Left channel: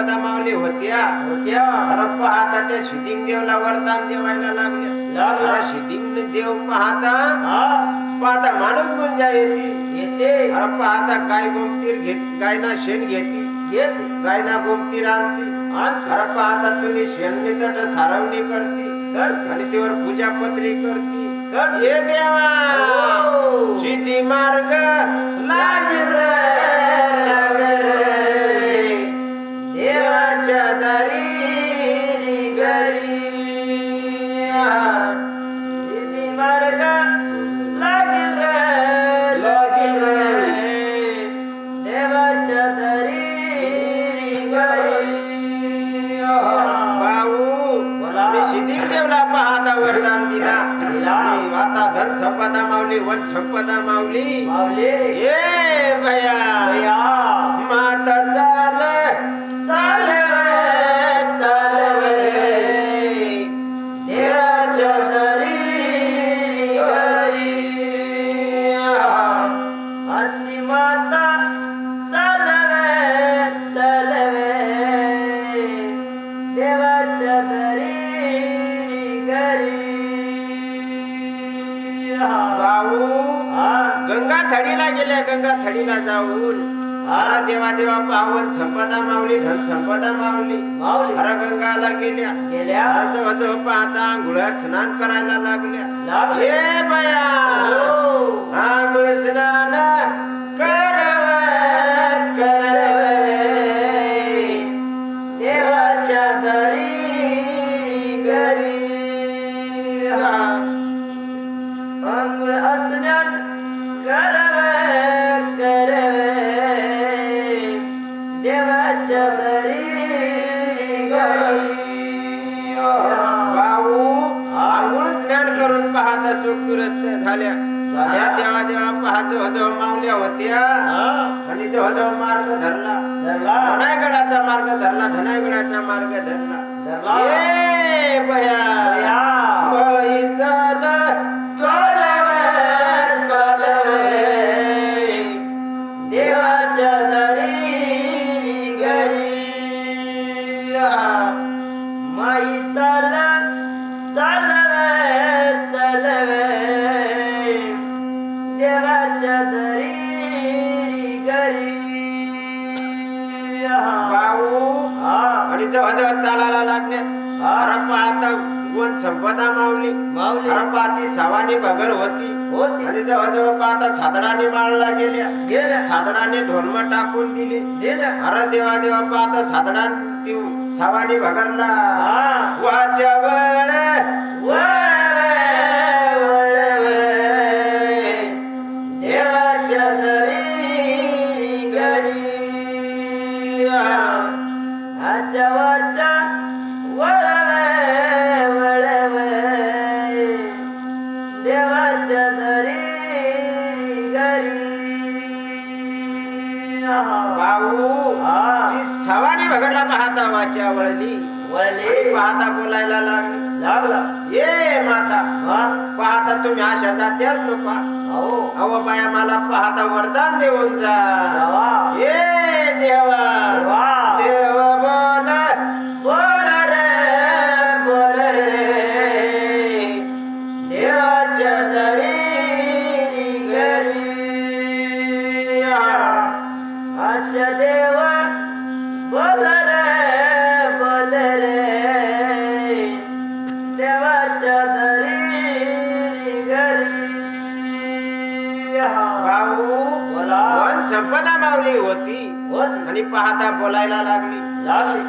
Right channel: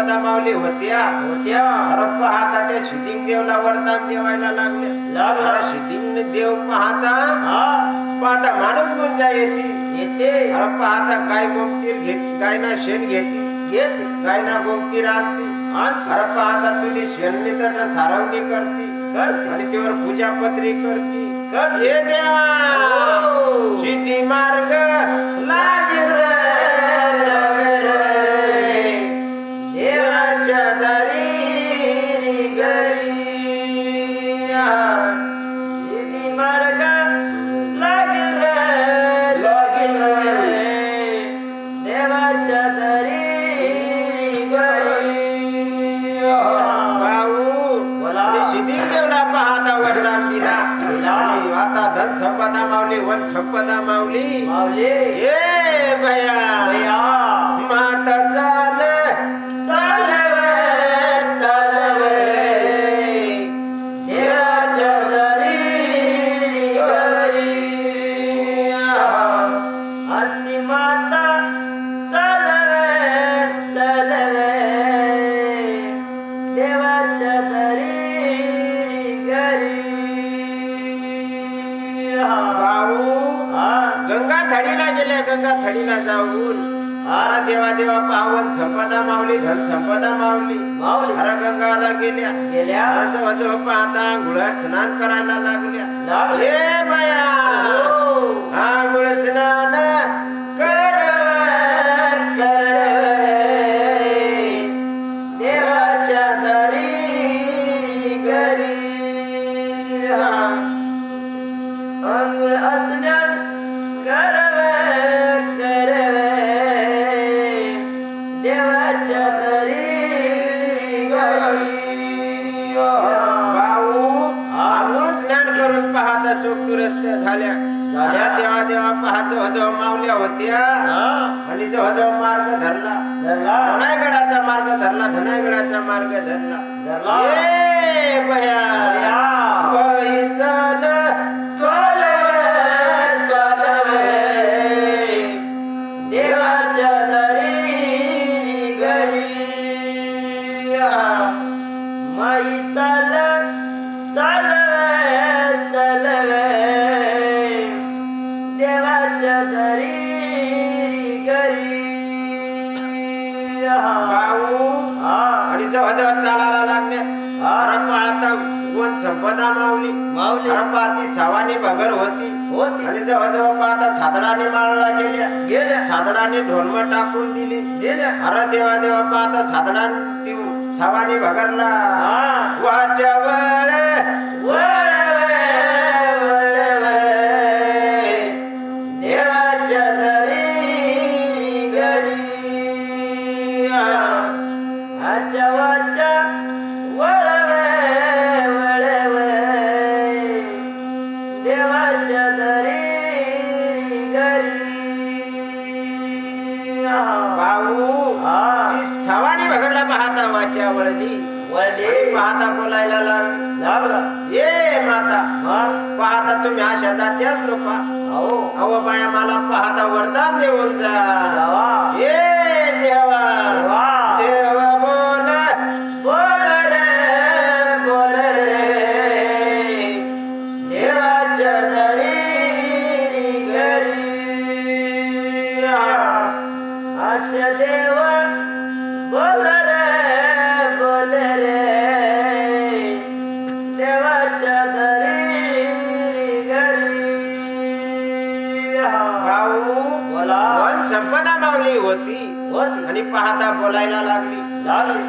संपदा माऊली होत्या अरे पाहता त्या सिद्धिंग देवला वरदान देवायला लागल्या. अरे सिद्धिंग देव पाहता पाहता माणूस गुंजा येते. अरे पाहता गाय गोमतीर गायना शेण घेती गायना गोमतीर आणती. अरे पाहता तुली शेणनी तर सारवणी करती आणि त्यावर पूजा पत्री करती. ये देवा सिद्धी मार्ग लागेल देवाच्या दारी घरी. सिद्धी मार्ग लागेल देवाच्या दरी सिद्धी देवला पाहता वरदान दिला. आता धन संपदा माऊली वन संपदा माऊली ए भया माता चाल देवाच्या दरी घरी. असी माता चालवे देवाच्या दरी गंगा थडीला गेल्या. गंगा थडीला जाऊन अरे देवा देवा पावन संपदा माऊली धन संपदा माऊली अरे गंगाला गेल्या. अरे जवळ पाहता आंघोळ्यात स्नान करायला लागल्या. ए बया आंघोळ स्नान देवाच्या दरी घरी. अंघोळ असण्यात देवाच्या दरी भाऊ आंघोळ स्नान करून पाहता चोख दुरस्त झाल्या. देवा देवा पाहाच हजव मावल्या होत्या आणि जो हजव मार्ग धरला. धनायगडाचा मार्ग धरला. धनायगडाचा मार्ग धरला. ए बया बळी चाल देवाच्या दरी घरी. माई देवाच्या दरी घरी. भाऊ आणि जवळ चालायला लागण्यात. अरे पाहता वन संपदा माऊली अरे पाहती सावानी भगर होती आणि जवळ पाहता साधडाने माळला गेल्या. साधडाने ढोलम टाकून दिली. अरे देवा देवा पाहता साधडाने सावानी भगरला वाच्या देवाच्या दरी घरी. आच्यावरच्या देवाच्या दरी घरी. भाऊ ती सवानी भगडला पाहता वाच्या वळली पाहता बोलायला लागला. ये माता पाहता तुम्ही अशा जात्याच लोक अहो बाया मला पाहता वरदान देऊन जा. ये देवा देवा बोल रे देवाच्या दरी घरी. अशा देवा बोल रे देवाच्या दरी घरी. भाऊ वन संपदा मावली होती आणि पाहता बोलायला लागली.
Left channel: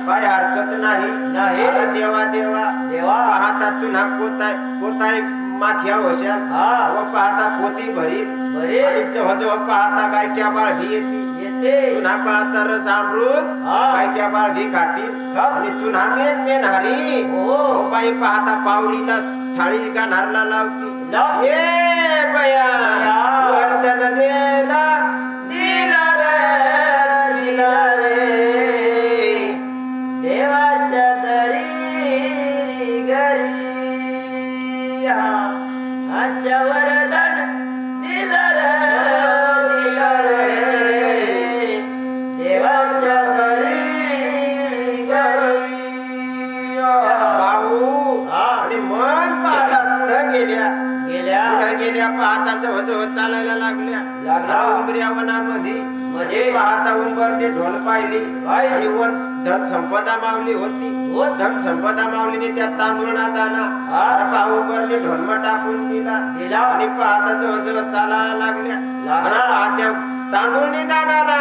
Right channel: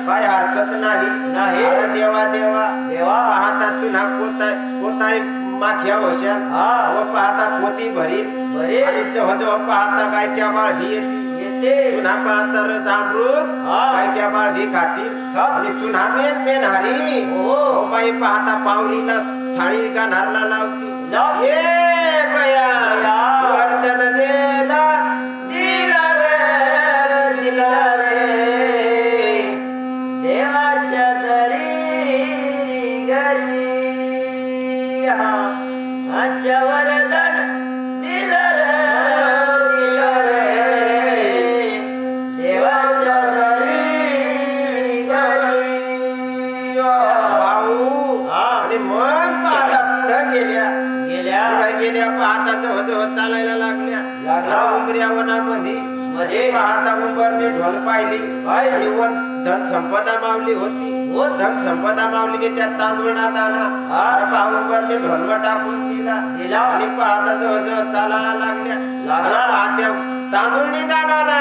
काय हरकत नाही. अरे देवा देवा पाहता तुला कोताय माथ्या होशाल व पाहता कोती भरी आणि जवळ पाहता गायक्या बाळधी येते. तुला पाहता रस अमृत गायक्या बाळधी खातील आणि तुला मेन हारी बाई पाहता पावलीला थाळी गाणारला लावती. ए बया वर्धन दिला रे देवाच्या दरी घरी. आजच्या वरदान दिला रे देवाच्या दरी गेल्या पाहता जवळ चालायला लागल्या उमऱ्या वनामध्ये पाहता उंबरने ढोल पाहिली आणि वर धन संपदा मावली होती. धन संपदा माऊलीने त्या तांदूळा दाना भाऊ उंबरने ढोलमा टाकून दिला आणि पाहता जवळ चालायला लागल्या पाहत्या तांदूळनी दानाला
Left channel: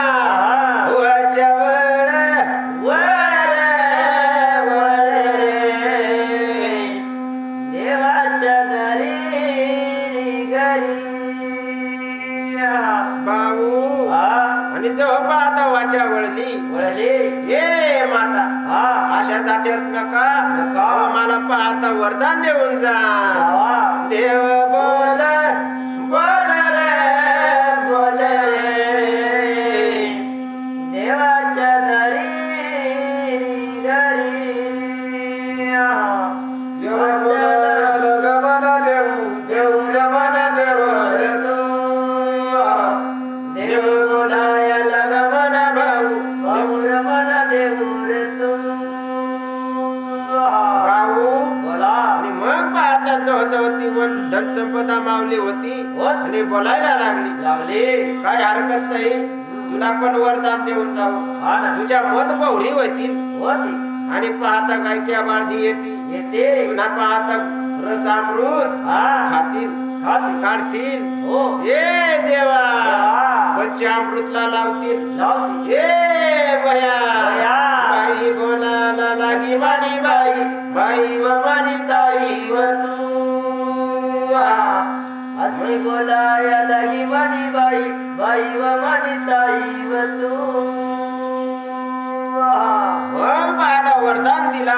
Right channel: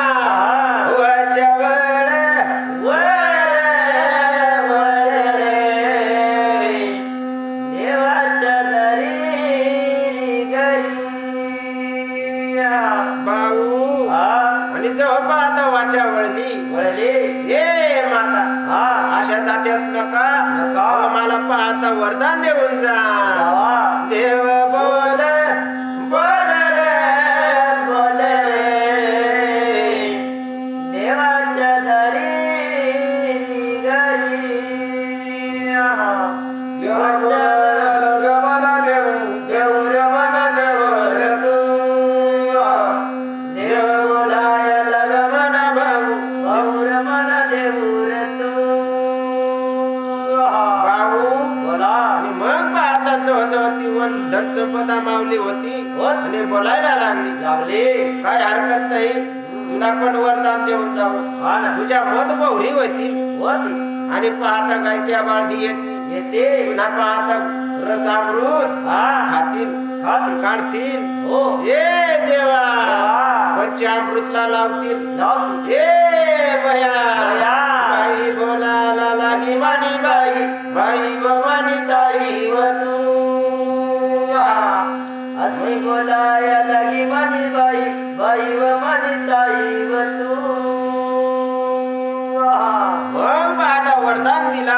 भाऊ आणि जेव्हा पाहता वाच्या वळली ये माता अशा जात्याच नका मला पाहता वरदान देऊन जा. देव बोल बोल रे बोल रे देवाच्या दरी घरी देव बोल गमन देऊ देऊ रमन देव रे तू देवलायला गमन भाऊ भाऊ रमण देऊ रे तू. भाऊ बोला आणि मग पाहता जवळ ती वन धन संपदा मावली होती आणि बोलायला लागली काय हरकत नाही तुला पण वरदान देऊन जावं तुझ्या मत बहुरी होती आणि पाहता गायच्या बाळगी येते तुला पाहता रस अमृत खातील काढतील ये देवा पंचामृतला लावतील ये बया बाई बोलायला लागी मानी बाई बाई व मानी ताई व तू असे बोलाया लगी मनी बाई बाई व मनी ताई व तू. मग पाहता वरदान दिला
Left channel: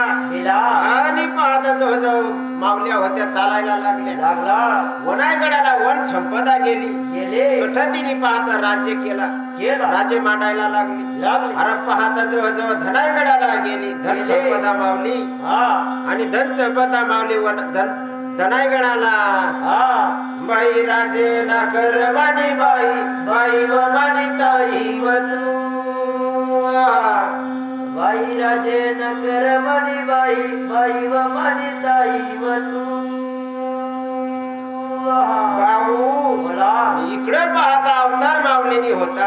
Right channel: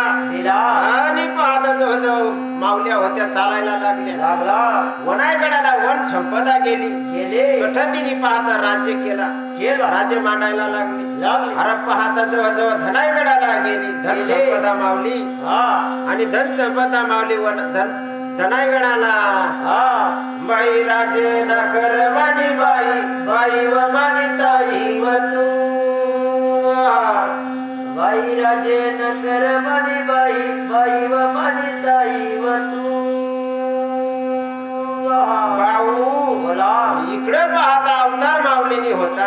आणि पाहता जवळ मावल्या होत्या चालायला लागल्या वनायगडाला वन संपदा गेली चटतीने पाहता राज्य केला राजे मांडायला लागली अरे पाहता जवळ धनायगडाला गेली धन संपदा मावली आणि धन संपदा मावली धनायगडाला बाई राजे ना कर मानी बाई बाई व मानी ताई व तू बाई राजे नकर मनी बाई बाई व मनी ताई व तू. भाऊ इकडे पाहता अवतार माऊलीने होता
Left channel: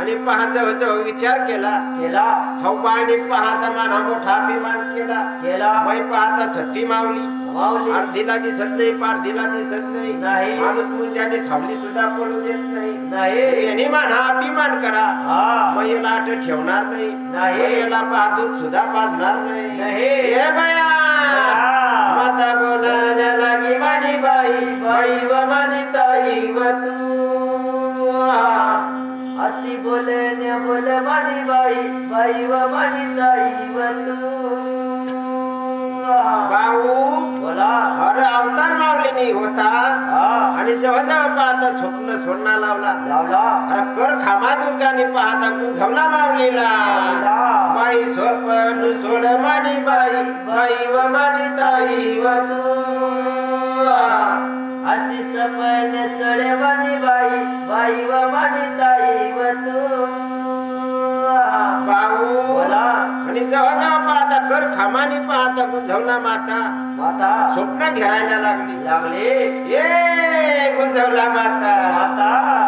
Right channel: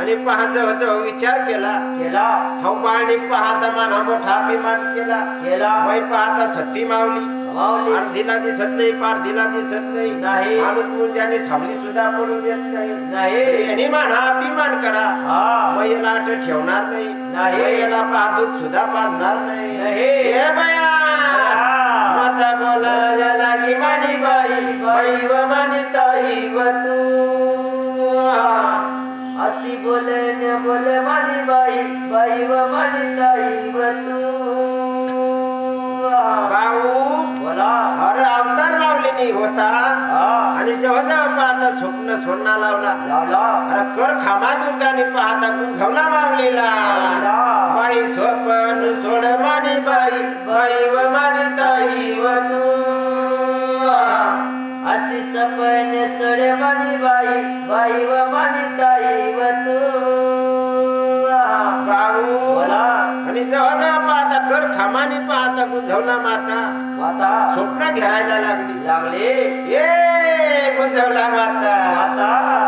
आणि पाहता विचार केला हौबाळणी पाहता मान मोठा अभिमान केला मै पाहता सट्टी मावली अर्धीला दिसत नाही पारधीला दिसत नाही माणूस मुंजाने सावली सुद्धा पडू देत नाही यांनी माना अभिमान करा मैला आठ ठेवणार नाही मैला पाहतो सुद्धा पाजणार नाही हे बया माता बोलायला लागी मानी बाई बाई व मानी ताई व तू अशी बोलण्या बोल मानी बाई बाई व मानी ताई व तू. भाऊ बोला अरे अवतार माऊलीने होता आणि जवळ पाहता स्वप्न सोडणा लावला अरे कर खामा दुर्गाने पाहता कुंझवला माऊलीला बाई स्वप्न सोड मानी बाई बाई व मानी ताई व तू अशी सपने सडे मनी बाई बाई व मनी ताई व तू. भाऊ बोला आणि जवळ पाहता कर खामाने पाहता कुंझवला माता स्वप्न घेरायला लागले ये कुंझवला माता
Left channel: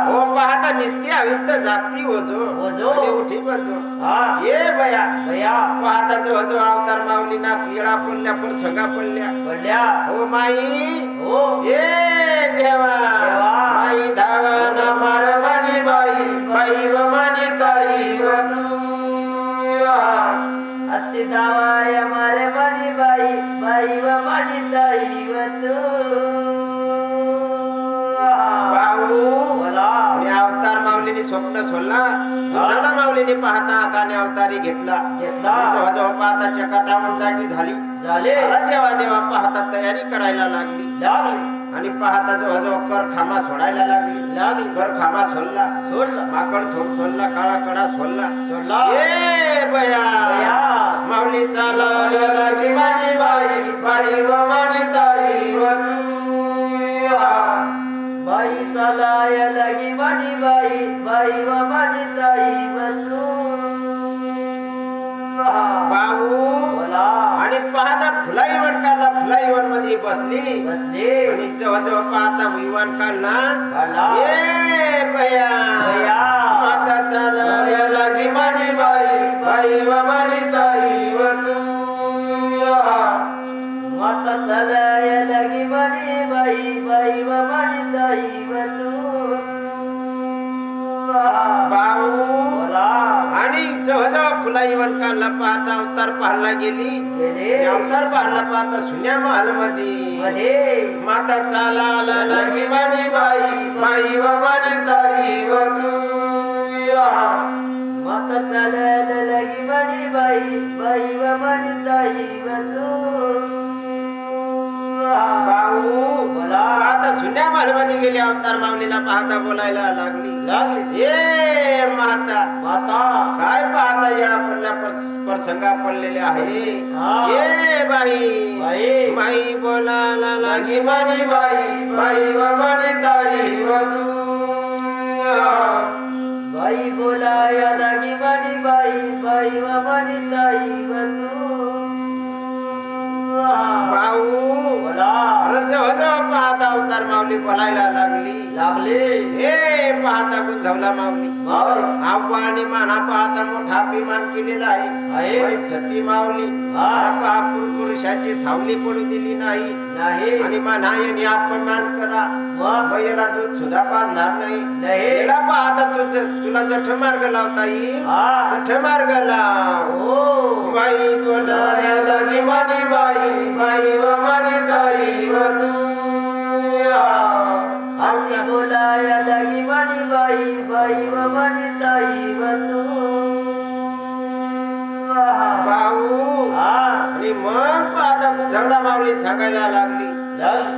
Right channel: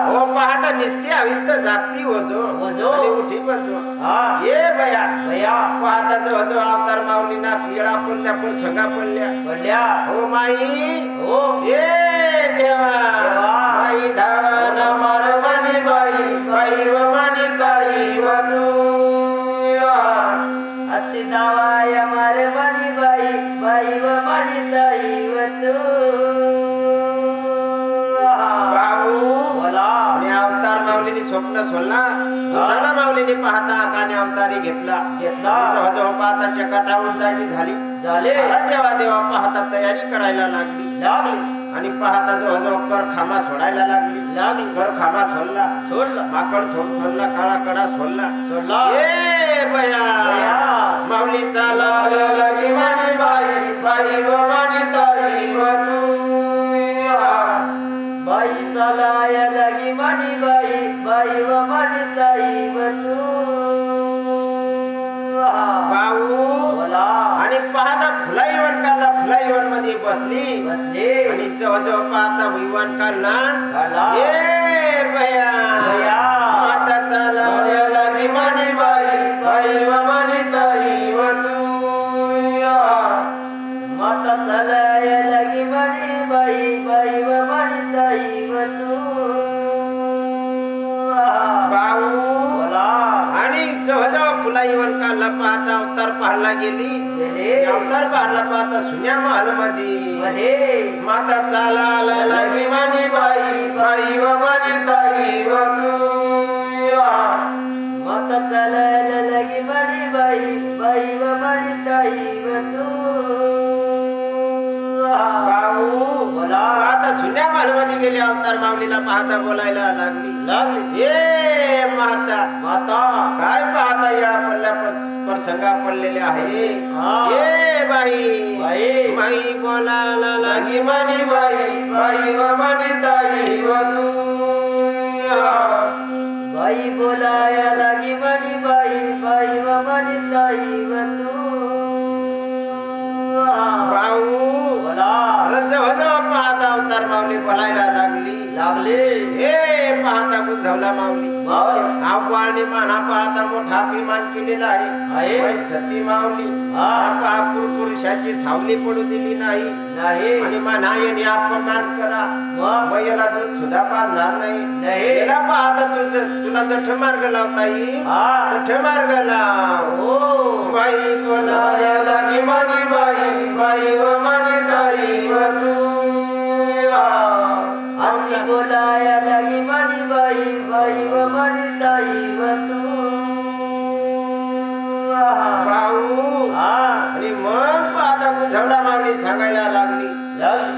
हो पाहता निस्ती अविस्त जागती वजो आणि उठी वजो ये बया पाहता जो अवतार माऊली ना पिळा पडल्या पण संगा पडल्या हो माई ये देवा माई धावाना मार मानी बाई बाई व मानी ताई व तू असे दावाया मारे मनी बाई बाई व मनी ताई व तू. बोला आणि अवतार माऊलीने स्वप्न सोडला जडा माऊलीने पाहता काने अवतारी घेतला जवळ पाहता चकाटावून जागी झाली देवा देवा पाहता तयारी करायला लागली आणि पाहता जवळ कर खामा सोडायला लागली कर खामा सोडला माकड थोड सोडला काळा कडा सोडला ए बया माऊली चाला लगी मानी बाई बाई व मानी ताई व तू बाई चालाय लगी मनी बाई बाई व मनी ताई व तू. भाऊ बोला आणि पाहता फुलाईवर काढला, फुलाईवर मध्ये बसली आणि जवळ पाहता विवान काढला. ए बया माता चालायला लागी मानी बाई, बाई व मानी ताई व तू. माता चालायला लागी मानी बाई, बाई व मानी ताई व तू. भाऊ बोला. आणि जवळ फुलाईवर काढला पाहता अवतार पाहायला गेली. अवतार पाहायला पाहता सुन्या महल मध्ये माता चालायला लागी मानी बाई, बाई व मानी ताई व तू. माता चालायला लागी मानी बाई, बाई व मानी ताई व तू. भाऊ बोला. आता सुन्या महल मध्ये गेली, अवतार माऊलीला पाहता बोलायला लागली. ए माता काय पाहता या पडल्या प्रसंगा पडलेले आहे. ए बाई बाई बोलायला लागी मानी बाई, बाई व मानी ताई व तू. बाई बोलाया लागी मानी बाई, बाई व मानी ताई व तू. भाऊ बोला. जवळ पाहता अवतार माऊली बोलायला लागली. ए पाहता गुंजवला माऊली. आव्हाने माना पाहता मोठा अभिमान केलेला आहे. सती माऊली पुरुषाची सावली पडू दिली नाही आणि माना याने अपमान करा, मग याला दूध सुद्धा पाजणार नाही. याला पाहता तुला जठ मार्ग लावता येईल, जठ मार्ग लाव. बाई बोलाया लागी मानी बाई, बाई व मानी ताई व तू. अशी बोलाया लागी मानी बाई, बाई व मानी ताई व तू. भाऊ आणि मग पाहता गुंजवला मागणी सांगायला लागली.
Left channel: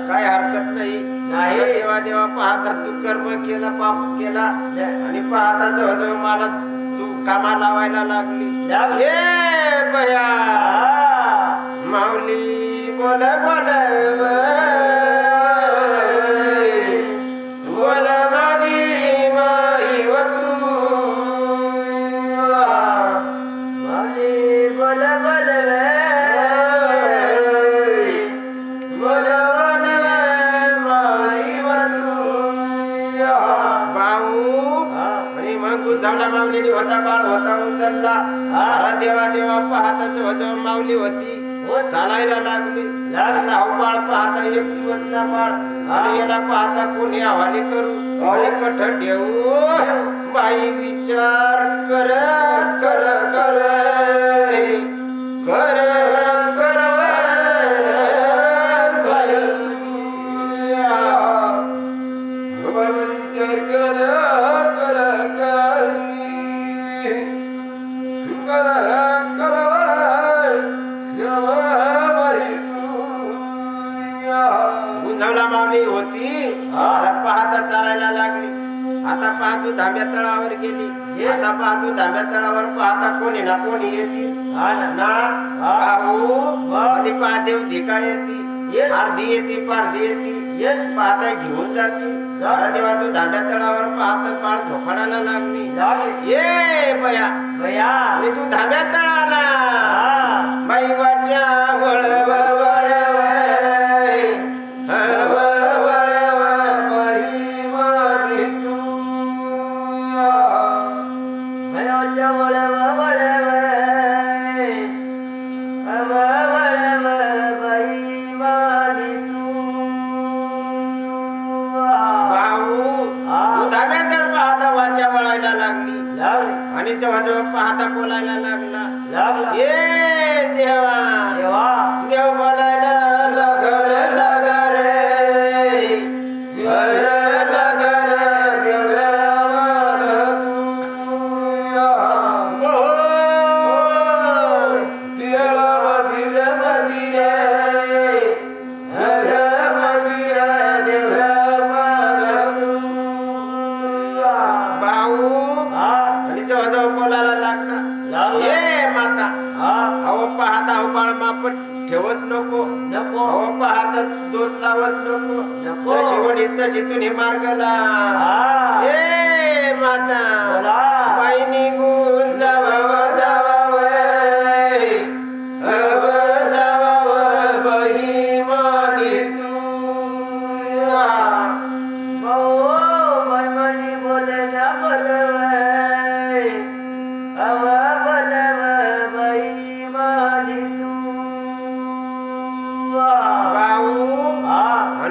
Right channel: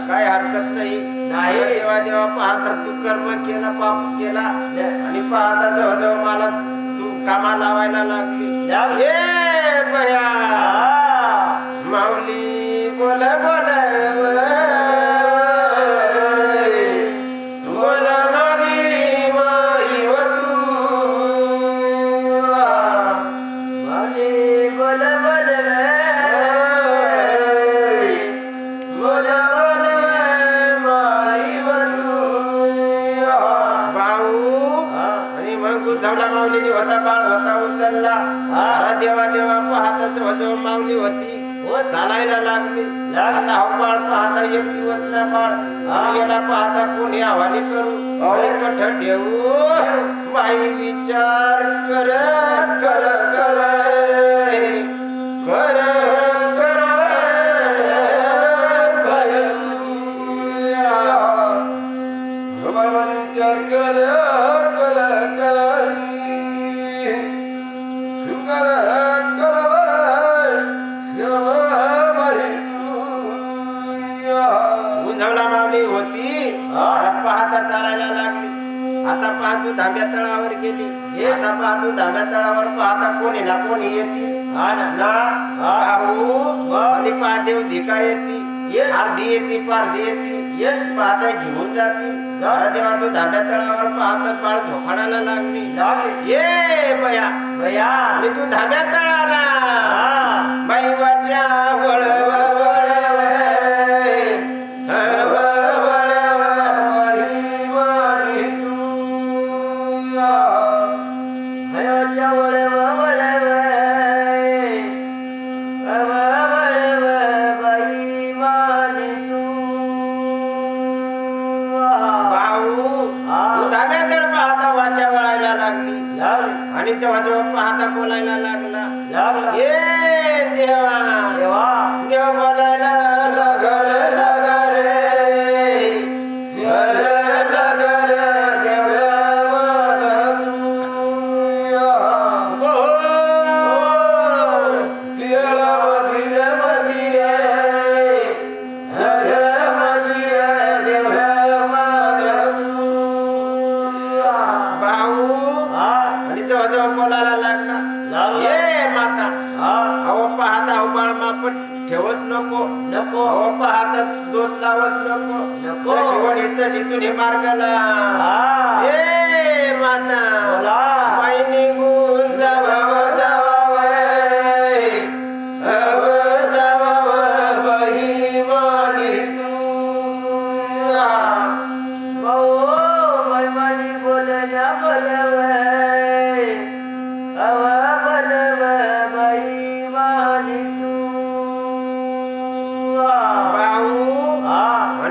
काय हरकत नाही. देवा देवा पाहता तू कर्म केला, पाप केला आणि पाहता जवळ मला तू कामा लावायला लागली. ए बया माऊली बोल बोल बोल मानी माई व तू. माऊली बोल बोल बोल बोल माई व तू. भाऊ आणि मग गुंजवला माऊलीने होता बाळ होता उचलला. अरे देवा देवा पाहता जवळ माऊली होती, चालायला लागली. आता हा बाळ पाहता एक दिवस ना बाळ आणि याला पाहता कोणी हवाली करू, कठ ठेवू. बाई विचार कर कर कर कर कर बाबा विचार कर कर कर कर गुंजवला माऊली होती. पाहता चालायला लागली. आता पाहतू धाब्या तळावर गेली. आता पाहतू धाब्या तळावर पाहता कोणी ना कोणी येते ना. आणि पाहते धिका येते, अर्धी येते पारधी येते. पाहता घेऊन जाते. देवा तू धाब्या तळावर पाहता बाळ झोपाडायला लागली. ए बया मी तू धाब्या तळाला बाई वाच्या वळ आणि जेव्हा जेव्हा पाहता बोलायला लागला. ए देवा देव बोलायला लगर लगर लगर देव मंदिर मंदिर मंदिर देव भाऊ आणि जेव्हा जेव्हा बोलायला लागला. ए माता अहो पाहता अहो बाळ मापट ठेवच नको अहो पाहता दोष लावच नको. शिवणी तशी तुझी मार्गला. ए माता बाई निघून जावा जावा जावा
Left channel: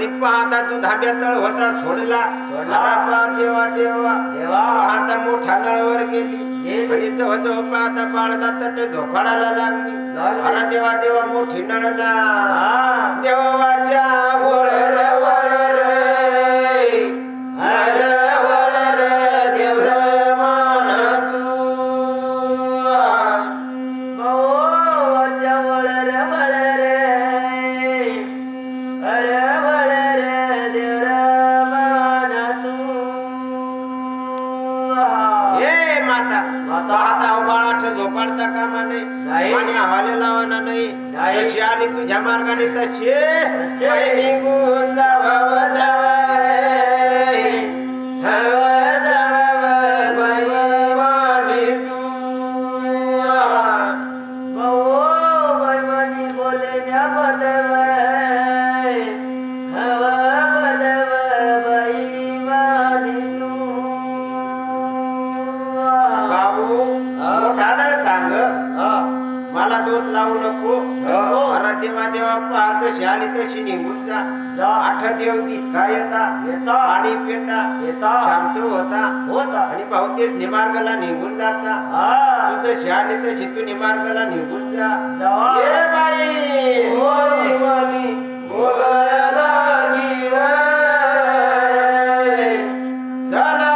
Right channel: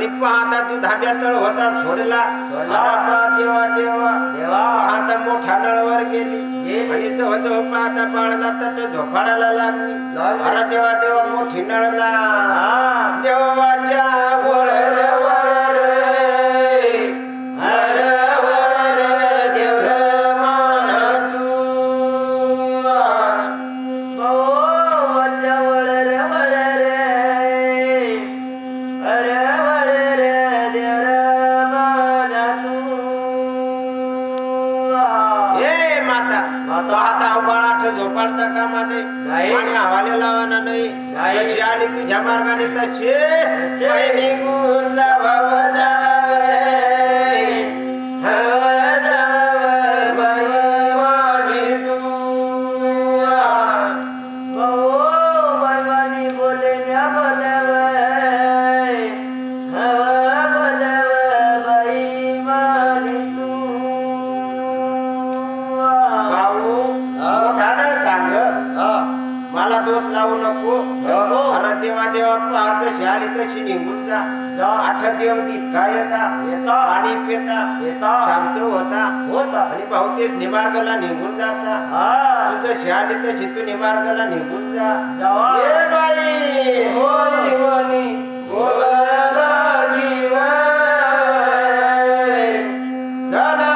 आणि पाहता तू धाब्या तळ होता सोडला अरे बा देवा देवा पाहता मोठा नळवर गेली आणि जवळ पाहता बाळाला तट झोपाडायला लागली अरे देवा देवा मोठी नळला देवाच्या वळर वळर हर वळर देवर मान तू भावाच्या वळर वळर अरे वळर देवर मान तू ए माता पाहता बाळाठ झोपाडता कामा नाही आणि हवाले लावाना नाही जशी आली तुझ्या मार्गाने तसे निघून जावावं जावावं हवं जावावं बैवानी तू भाऊ बैवानी बोले न्या बोलव हवा बोलव बैवानी तू भाऊ मोठा सांग मला दोष लावू नको अरे देवा देवा पाहतो शाली तशी निघून जा आठ देव इतका येता पाणी पिता शांत होता आणि भाऊ तेच निमार्गाला निघून जाता तुझं शाली तशी तू निमार्गाला निघून जा ए बाई बोलवानी बोलायला चला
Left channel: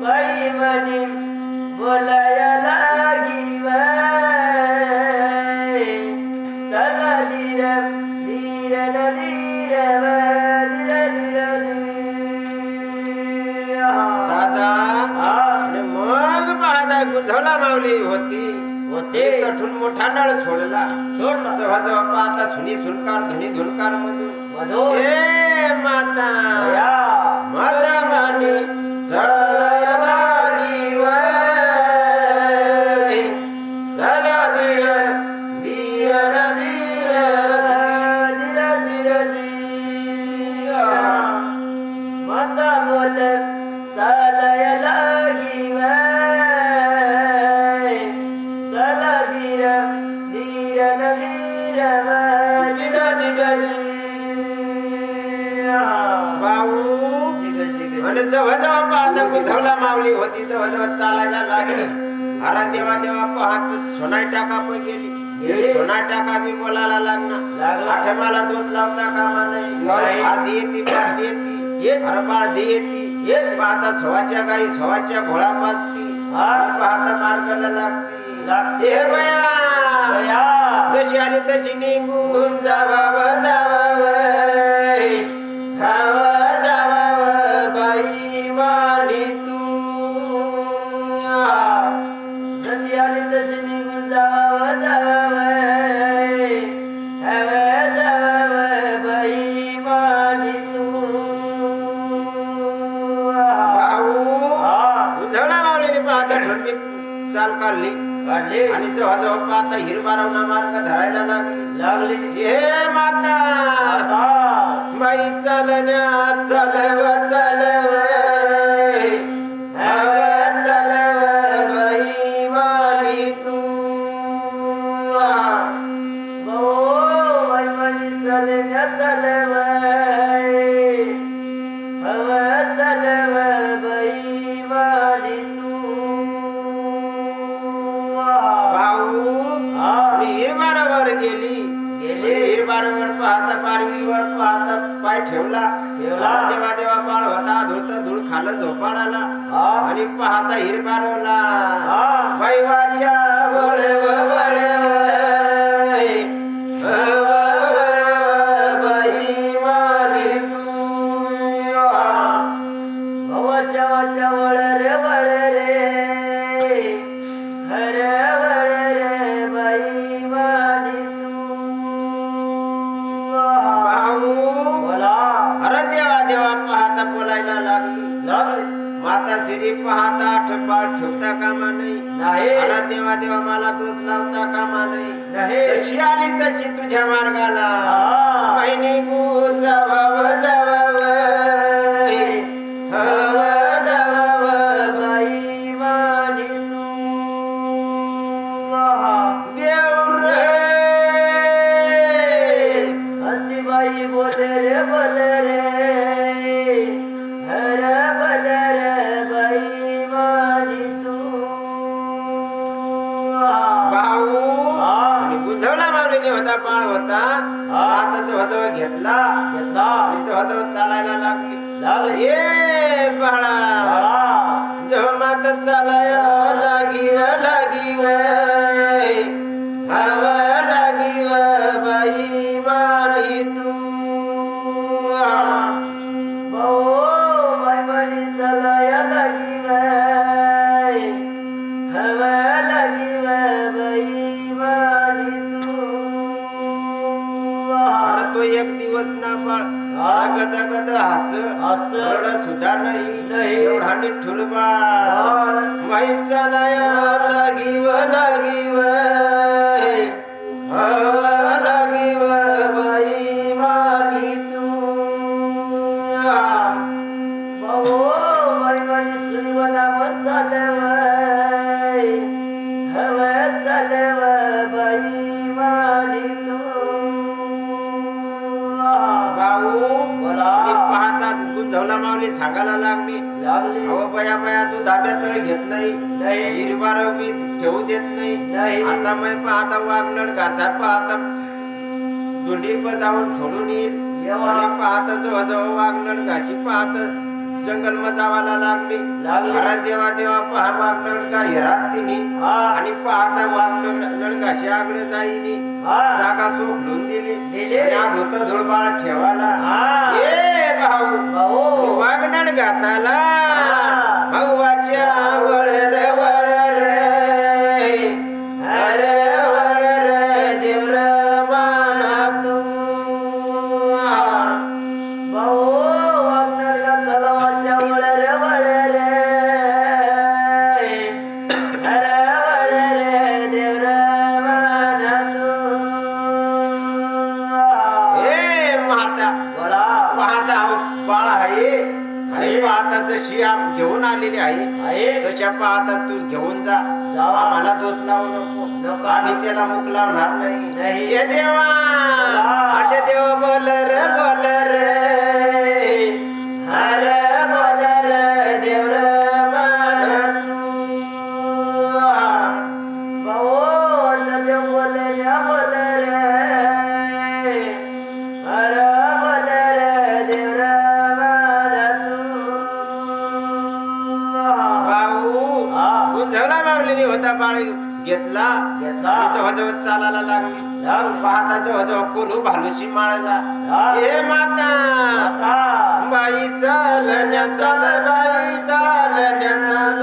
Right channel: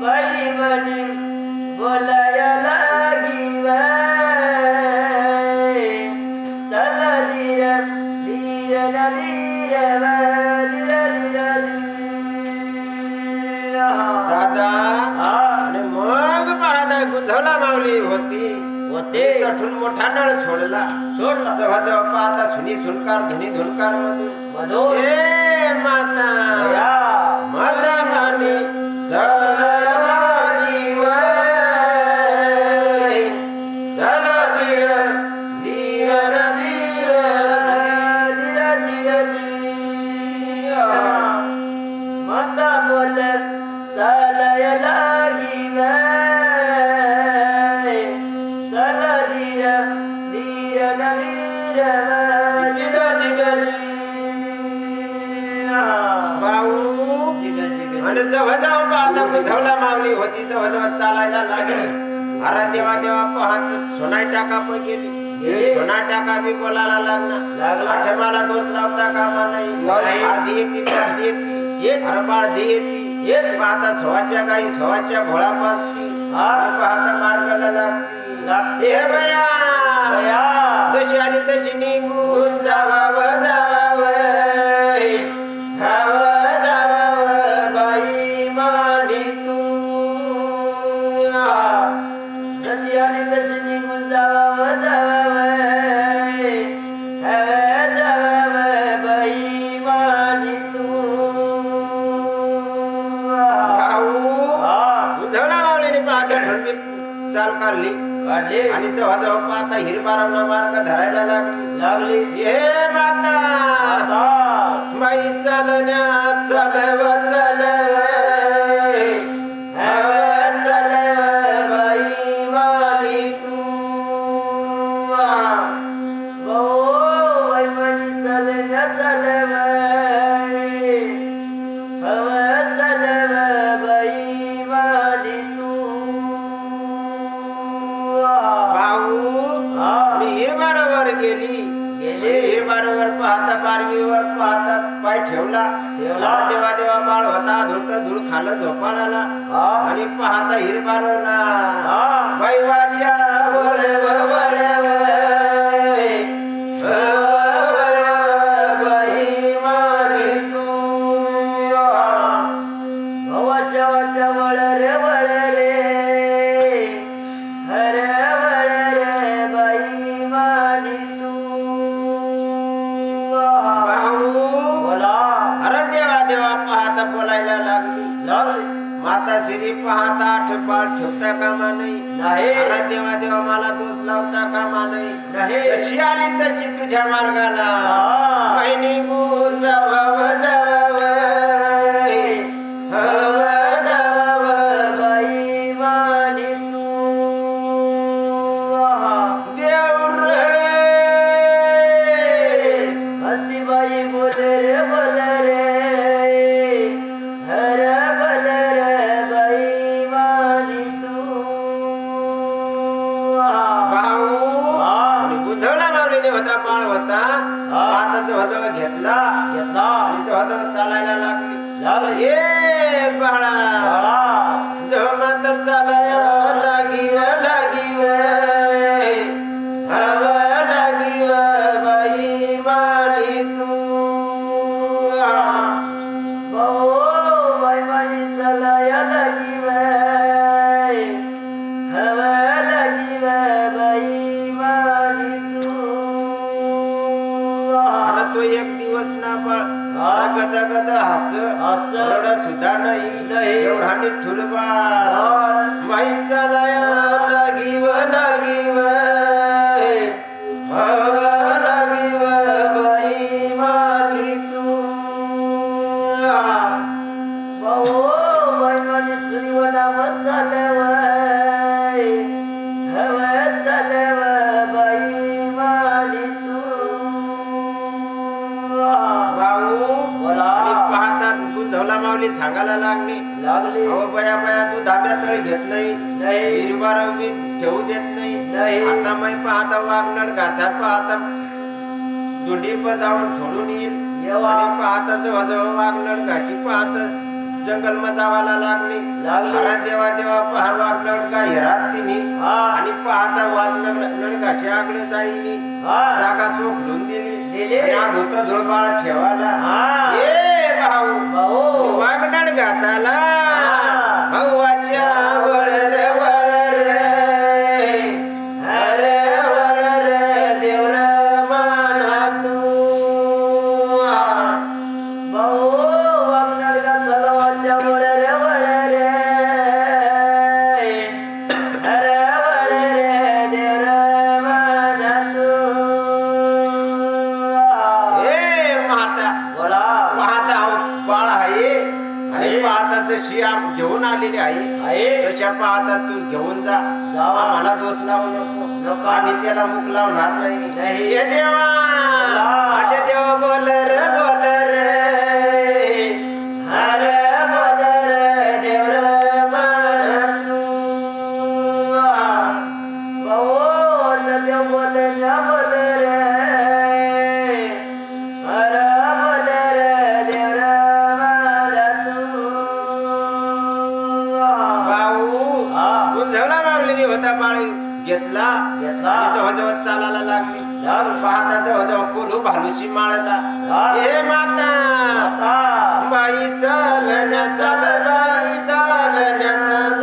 बाई म्हणे बोलाया लागी चला धीर धीर धीर दादा आणि मग पाहता गुंझवला मावली होती तठून मोठा नळ सोडला जेव्हा जेव्हा पाहता सुनी सुनकार धुनी धुनकार मधून ए माता माता मानी चला जीव चला धीर धीर धीर माता बोलत चालाय लागी चला धीर धीर भाऊ आणि जवळ जवळ पाहता बुधवला मागली होती जवळ जवळ चालायला लागली अरे देवा देवा पाहत सोनाई टाका पण गेली सोनाई टाका बी बोलायला लागला आठमाला दोष लावता कामा नाही अर्धी येते पार्धी येते अरे बाळधी येते पाहता सवाच्या गाई सवाच्या भोळा पाजती पाहता मार्गाला लागते हे बया जशी आली तशी निघून जावावं जावावं हवं जावावं बाई माली तू जशी आली तशी निघून जावावं हवं जावावं बाई मानी तू भाऊ उधळा मावलीने पाहता ठरली चाल काढली आणि जवळ पाहता हिरबारावना मार्ग धरायला लागली हे माता बाई चालण्या चालव चालव हवं चालव बाई माली तू भाऊ मनी चलण्या चलव हवं चलव बाई मानी तू भाऊ हिरबारावर गेली हिरबारावर पाहता पारवीवर पाहता पाय ठेवला देवा देवा बाळ होता धुत धूळ खालं झोपाळाला आणि पाहता हिरबारवला वैवाच्या वळव वळव बाई माली तू भवाच्या वाच्या वळ रे हर वळ रे बाई माली तू भाऊ बोला अरे देवा देवा पाहता बोलायला लागली माता श्री पाहता ठेपाळ ठेवता कामा नाही अरे देवा देवा मला दोष लावता कामा नाही जशी आली तशी तुझ्या मार्गाला महिनी गुर जावावं जावावं हवं जावावं बाई माली तू बाळ होता पाहता जवळ घेतला घेतला आणि जवळ चालायला लागली लागले ये बाळा जवळ माता चालाया लागी हवा लागी बाई माली तू बाई माली चलाया लागी हवा लागी बाई माली तू तो एक दिवस ना बाळ गदा गदा हस रडा सुद्धा नाही एवढा निठुर बाळ बाई चालाया लागी हवा लागी बाई माली तू बाई माली सुरीवना मसालव हवा चालव बाई माली तू पाहतात गुंजवला माऊली सांगायला लागली अहो बया तू धाब्यात घेत नाही हिरवार मी ठेवू देत नाही आता मी पाहता वागणार घासा पाहता दोंडी जाऊन सोडून येईल आणि पाहता जवळ वागणार घाशी पाहता जंगल मध्ये जावायला लागली देवा पहा वागणार का हेरात तिने आणि पाहता वागणार घाशी आगळे जाईनी जागा सोडून दिली धुत धुळबाळा ठेवायला ये भाऊ वागणार घासाला भाऊच्या वळर देवर माना तू भाऊ वागणार घासाला वळर देवर माना तू पाहता बाळा आहे आणि पाहता जशी घेऊन आलेली आहे तशा पाहता तू घेऊन जा आम्हाला दोष लावू नको आम्ही त्याला मुक लावणार नाही हे देवा असे देव बोल रे हर बोल रे देवर माना तू भाऊ सदेव बोलल्या बोल रे हर बोल रे देवर माना तू गुंजवला मागलेली होता बाळ घेतला जवळ चालायला लागली पाहता जवळ कोलू भालूशी माळला हे माता बाई चालण्या चाल बाई चालण्या चाल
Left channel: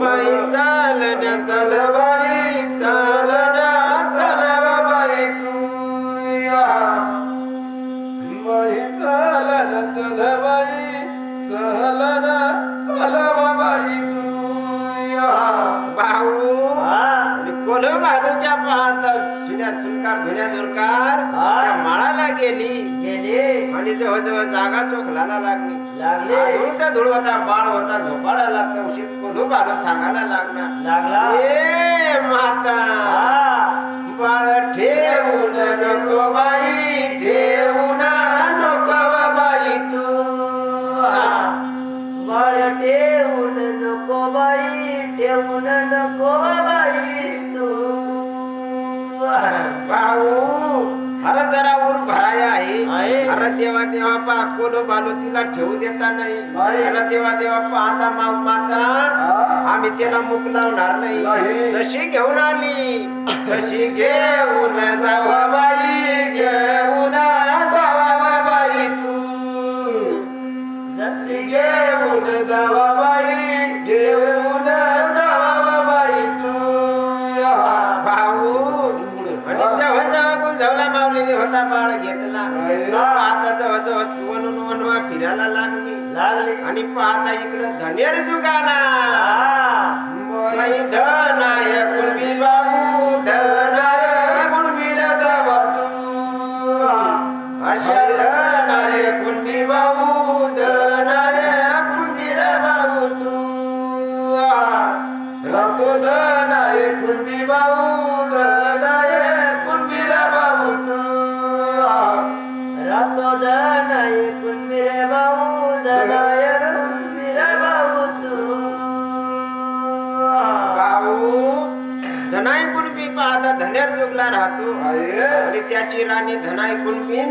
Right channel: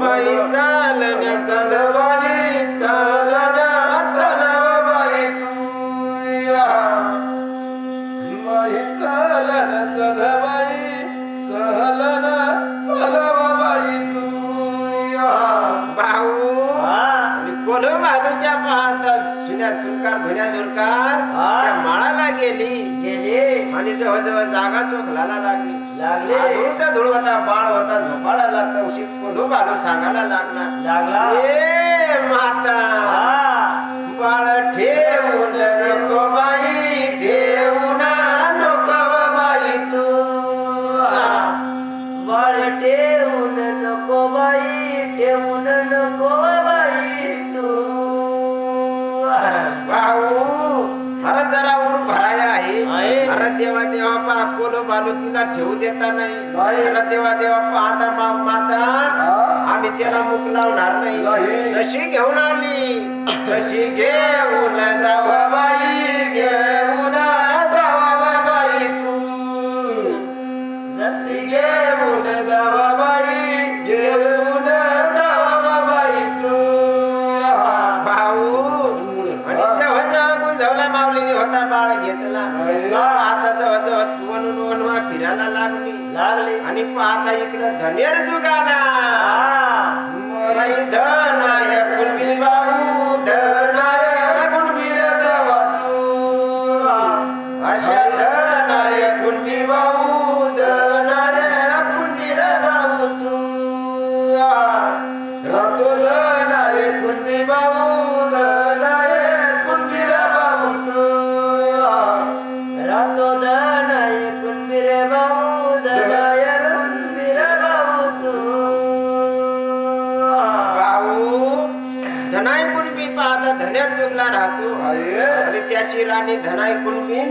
बाई चालण्या चाल बाई चालण्या चाल बाई तू बाई चालण्या चाल बाई चालण्या चाल बाई तू भाऊ कोण भाऊच्या पाहता सुन्या सुनकार धुण्या दुरकार त्या माळाला गेली आणि जवळ जागा चोखलाला लागली धूळ होता बाळ होता झोपाळाला तवशी कोण भाऊ सांगायला लागणार ए माता बाळ ठेवून नको बाई ठेवून नको बाई तू बाळ ठेवून नको बाई ठेवून नको बाई तू भाऊ अरे जरा ऊर भराया आहे अरे देवा पा कोलो बालू तिला ठेवू देता नाही अरे देवा पाहता माता आम्ही त्याला मुक लावणार नाही जशी घेऊन आली तशी घेऊन जावा बाई घेऊन जावा बाई तू जशी घेऊन जावा बाई घेऊन जावा बाई तू भाऊ आणि जवळ गुंजवला माऊलीने होता बाळ घेतला आता जवळ वनवा फिरायला लागली आणि पाहता इकडं धनेर जुगाला धनाय कुणबी बाबू धनाय कुणबी रदवा तू अशा धनाय कुणबी बाबू धनाय कुणबी रबाऊ तू रातो धनाय कुणबी बाबू धनाय कुणबी रबाऊ तू रातो धनाय कुणबी रबाऊ धनाय कुणबी रबाऊ तू धनाय कुणबी पाहता धनेर जुगला राहतो आणि त्याची राणी धनाई कुणबीन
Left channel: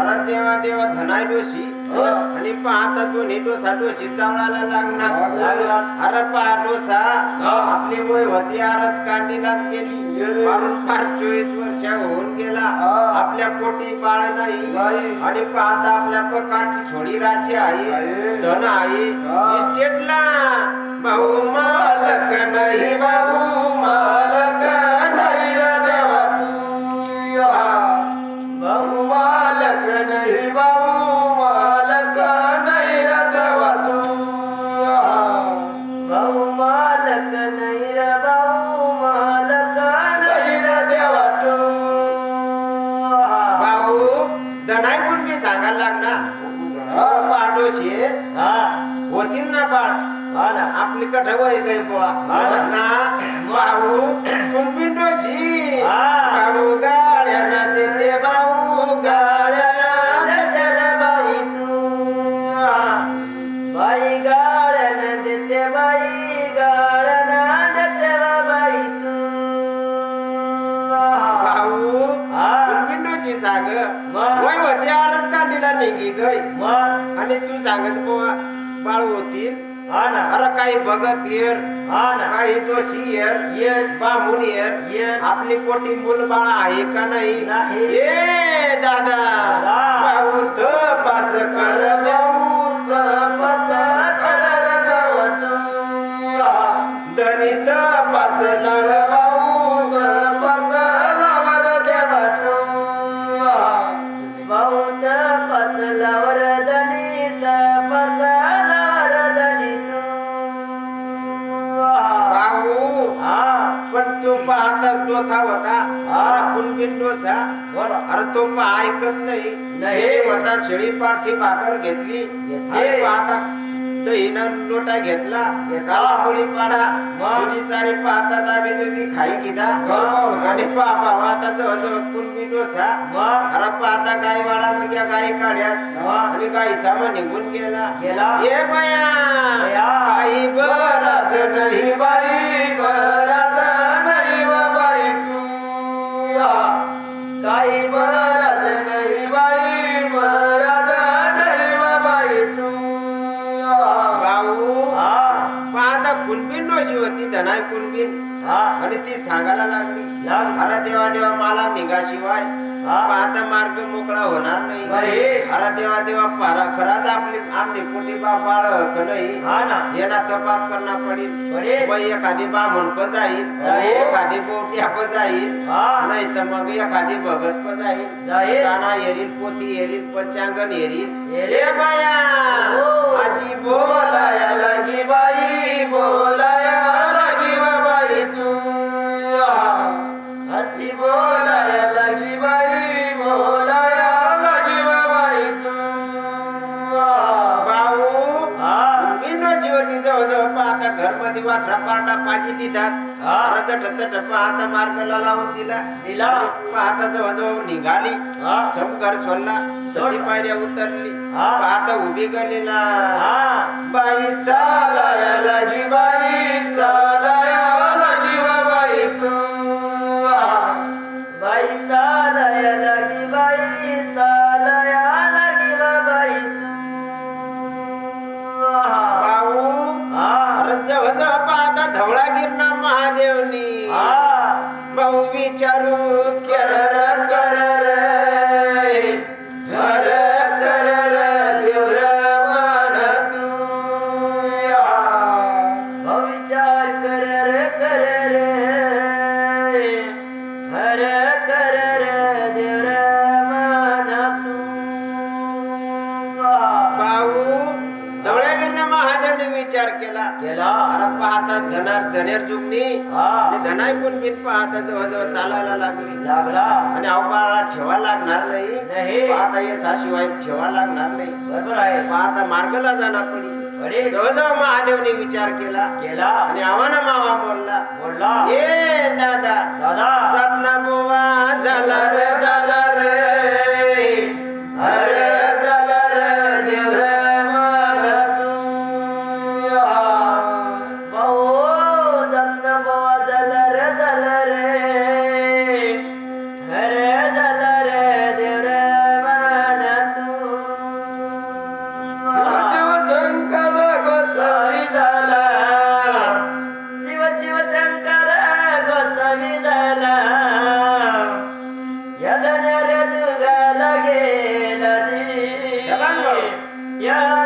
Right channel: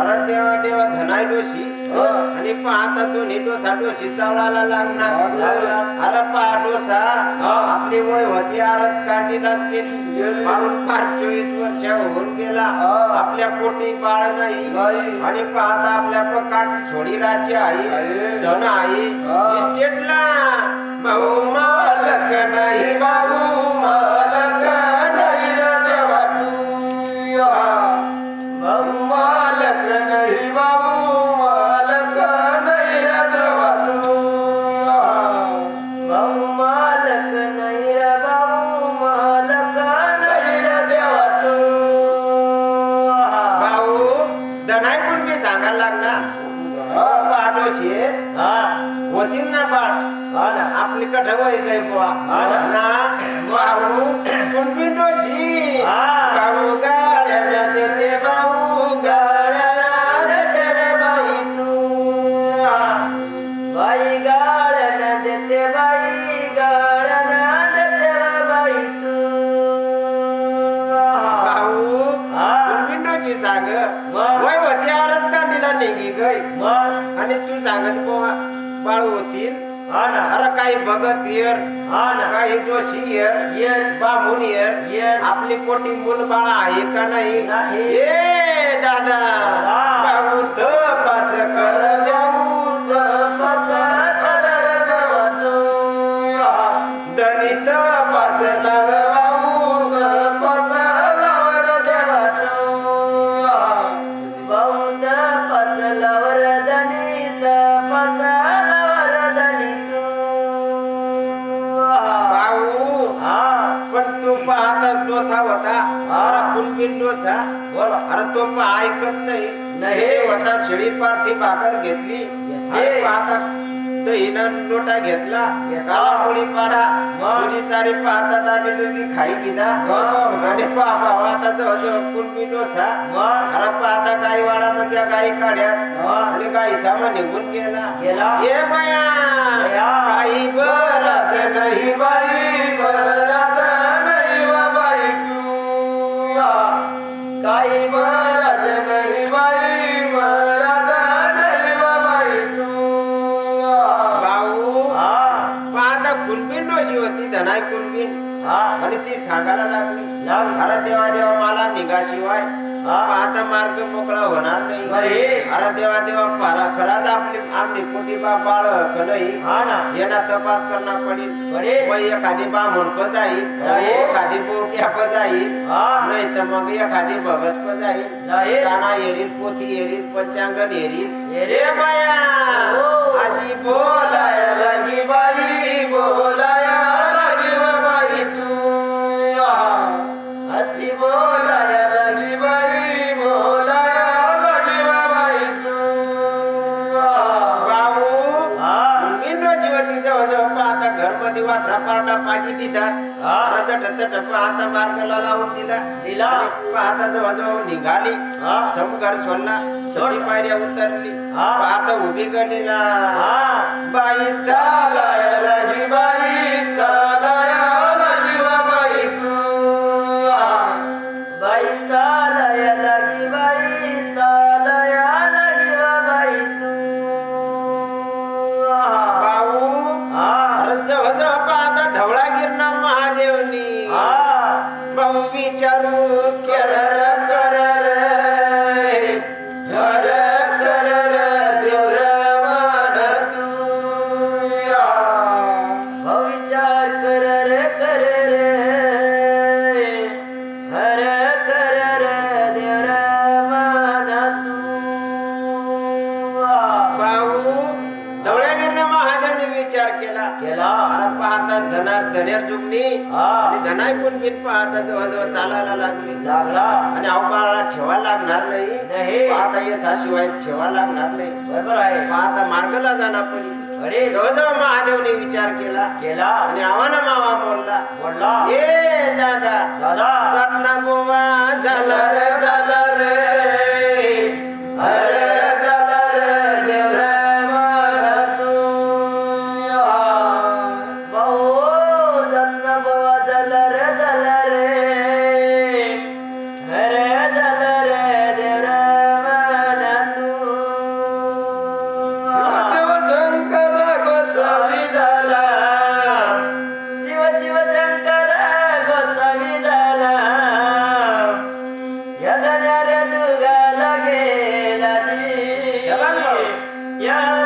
अरे देवा देवा धनाई डोशी आणि पाहता दोन्ही डोसा डोशी चावळायला लागणार अरे पहा डोसा आपली वय होती आरत कांडीलाच गेली मारून फार 24 वर्ष होऊन गेला आपल्या पोटी बाळ नाही आणि पाहता आपल्या काठी सोडी राज्य आहे धन आहे इस्टेटला भाऊ मालक नाही बाबू मालक नाही रे देवा तू भाऊ मालक नाही बाबू मालक नाही रे देवा तू भाऊ मालक नाही रे भाऊ मालक नाही रे देवा तू भाऊ दनाई पण मी सांगायला लागणार पाडोशी होती ना बाळ आपली कठ वय काही बुवा ना भाऊ कुणबी डोशी भाऊ गाड्याला देते भाऊ गाड्याला देते रे बाई तू बाई गाळ्यानं देते बाई गाळ्यानं देते रे बाई तू भाऊ कुणबी डोशी सांग वय होती आरत कांडीला निघी गई आणि तू सांगच बुवा बाळ होतील अरे काही भगत येर काही जोशी येर बामून येर आपली पोटी मुल बाळा आहे का नाही ए दादा भाऊ तपास कर देऊ तपास कर देऊ धनी तपास लाव भाऊ तपास लाव रे देवा भाऊ तपास लावर धनी तपास लावर धनी भाऊ पण तो पाहता डोसा होता अरे कुणबीन डोसा अरे तो पहा ऐकत नाही होता शेळी पारथी भाकर घेतली आणि पाहता दहीनं लोटा घेतला काळामुळी पाडा सुरी चारी पाहता आम्ही तुम्ही खाई गेला आणि पाहा आता जवळजवळ कुणबी डोसा अरे पाहता गाई वाडा म्हणजे गाई काढ्यात आणि गाई सामा निघून गेला ये बाया काही बराच नाही बाई बराच नाही बाई तू काही बराच नाही बाई बराच नाही बाई तू भाऊ पाहता कुणबीन डोशी होती धनाई कुणबीन आणि ती सांगायला लागली अरे देवा देवा मला निघाशिवाय पाहता मार्ग मोकळा होणार नाही अरे देवा देवा पारा खराच आपली आमली पोटी बाळ कलई याला तपास करणार पडेल मग एखादी बामून पजाईल एखादी बोट्या पजाईल नाही तर मग एखादी भगत पजाईल काना येरील पोथी येरील पंचांगण येरील रे बाया अशी बोलाया लागी बाई बोलाया लागी बाई तू अशी बोलाया लागी बाई बोलाया लागी बाई तू भाऊ बिंडोची होती जवळजवळ पाहता घर मध्ये वासरा पारडा पाजी दितात पाहता मार्गाला लावून दिला पाहता जवळजवळ निघाली सम घर सोडला सती पायऱ्या उतरली पाहता उभी गलीला बाई चालाया लागी बाई चालाया लागी बाई तू बाई चालाया लागी बाई चालाया लागी बाई तू भाऊ जवळजवळ पाहता धवळा गिरणा महादेवनी भाऊ विचारू कर कर विचार कर रे हर कर रे देवरा माना तू भाऊ धवळ्यागिरने महादेवने विचार केला अरे पाहता धनेर जुगणी आणि धनाई कुणबीन पाहता जवळजवळ चालायला लागला आणि अवकाळाला ठेवा लागणार नाही पाहता यशाशिवाय ठेवा लागणार नाही बरोबर आहे पाहता मार्गला जाणार पडी जवळजवळ महादेवने विचार केला आणि आव्हाना मावा बोलला ए दादा जात ना बोवा झाला रे अरे झाला रे देवरा भाऊ जात ना बोवा झाला रे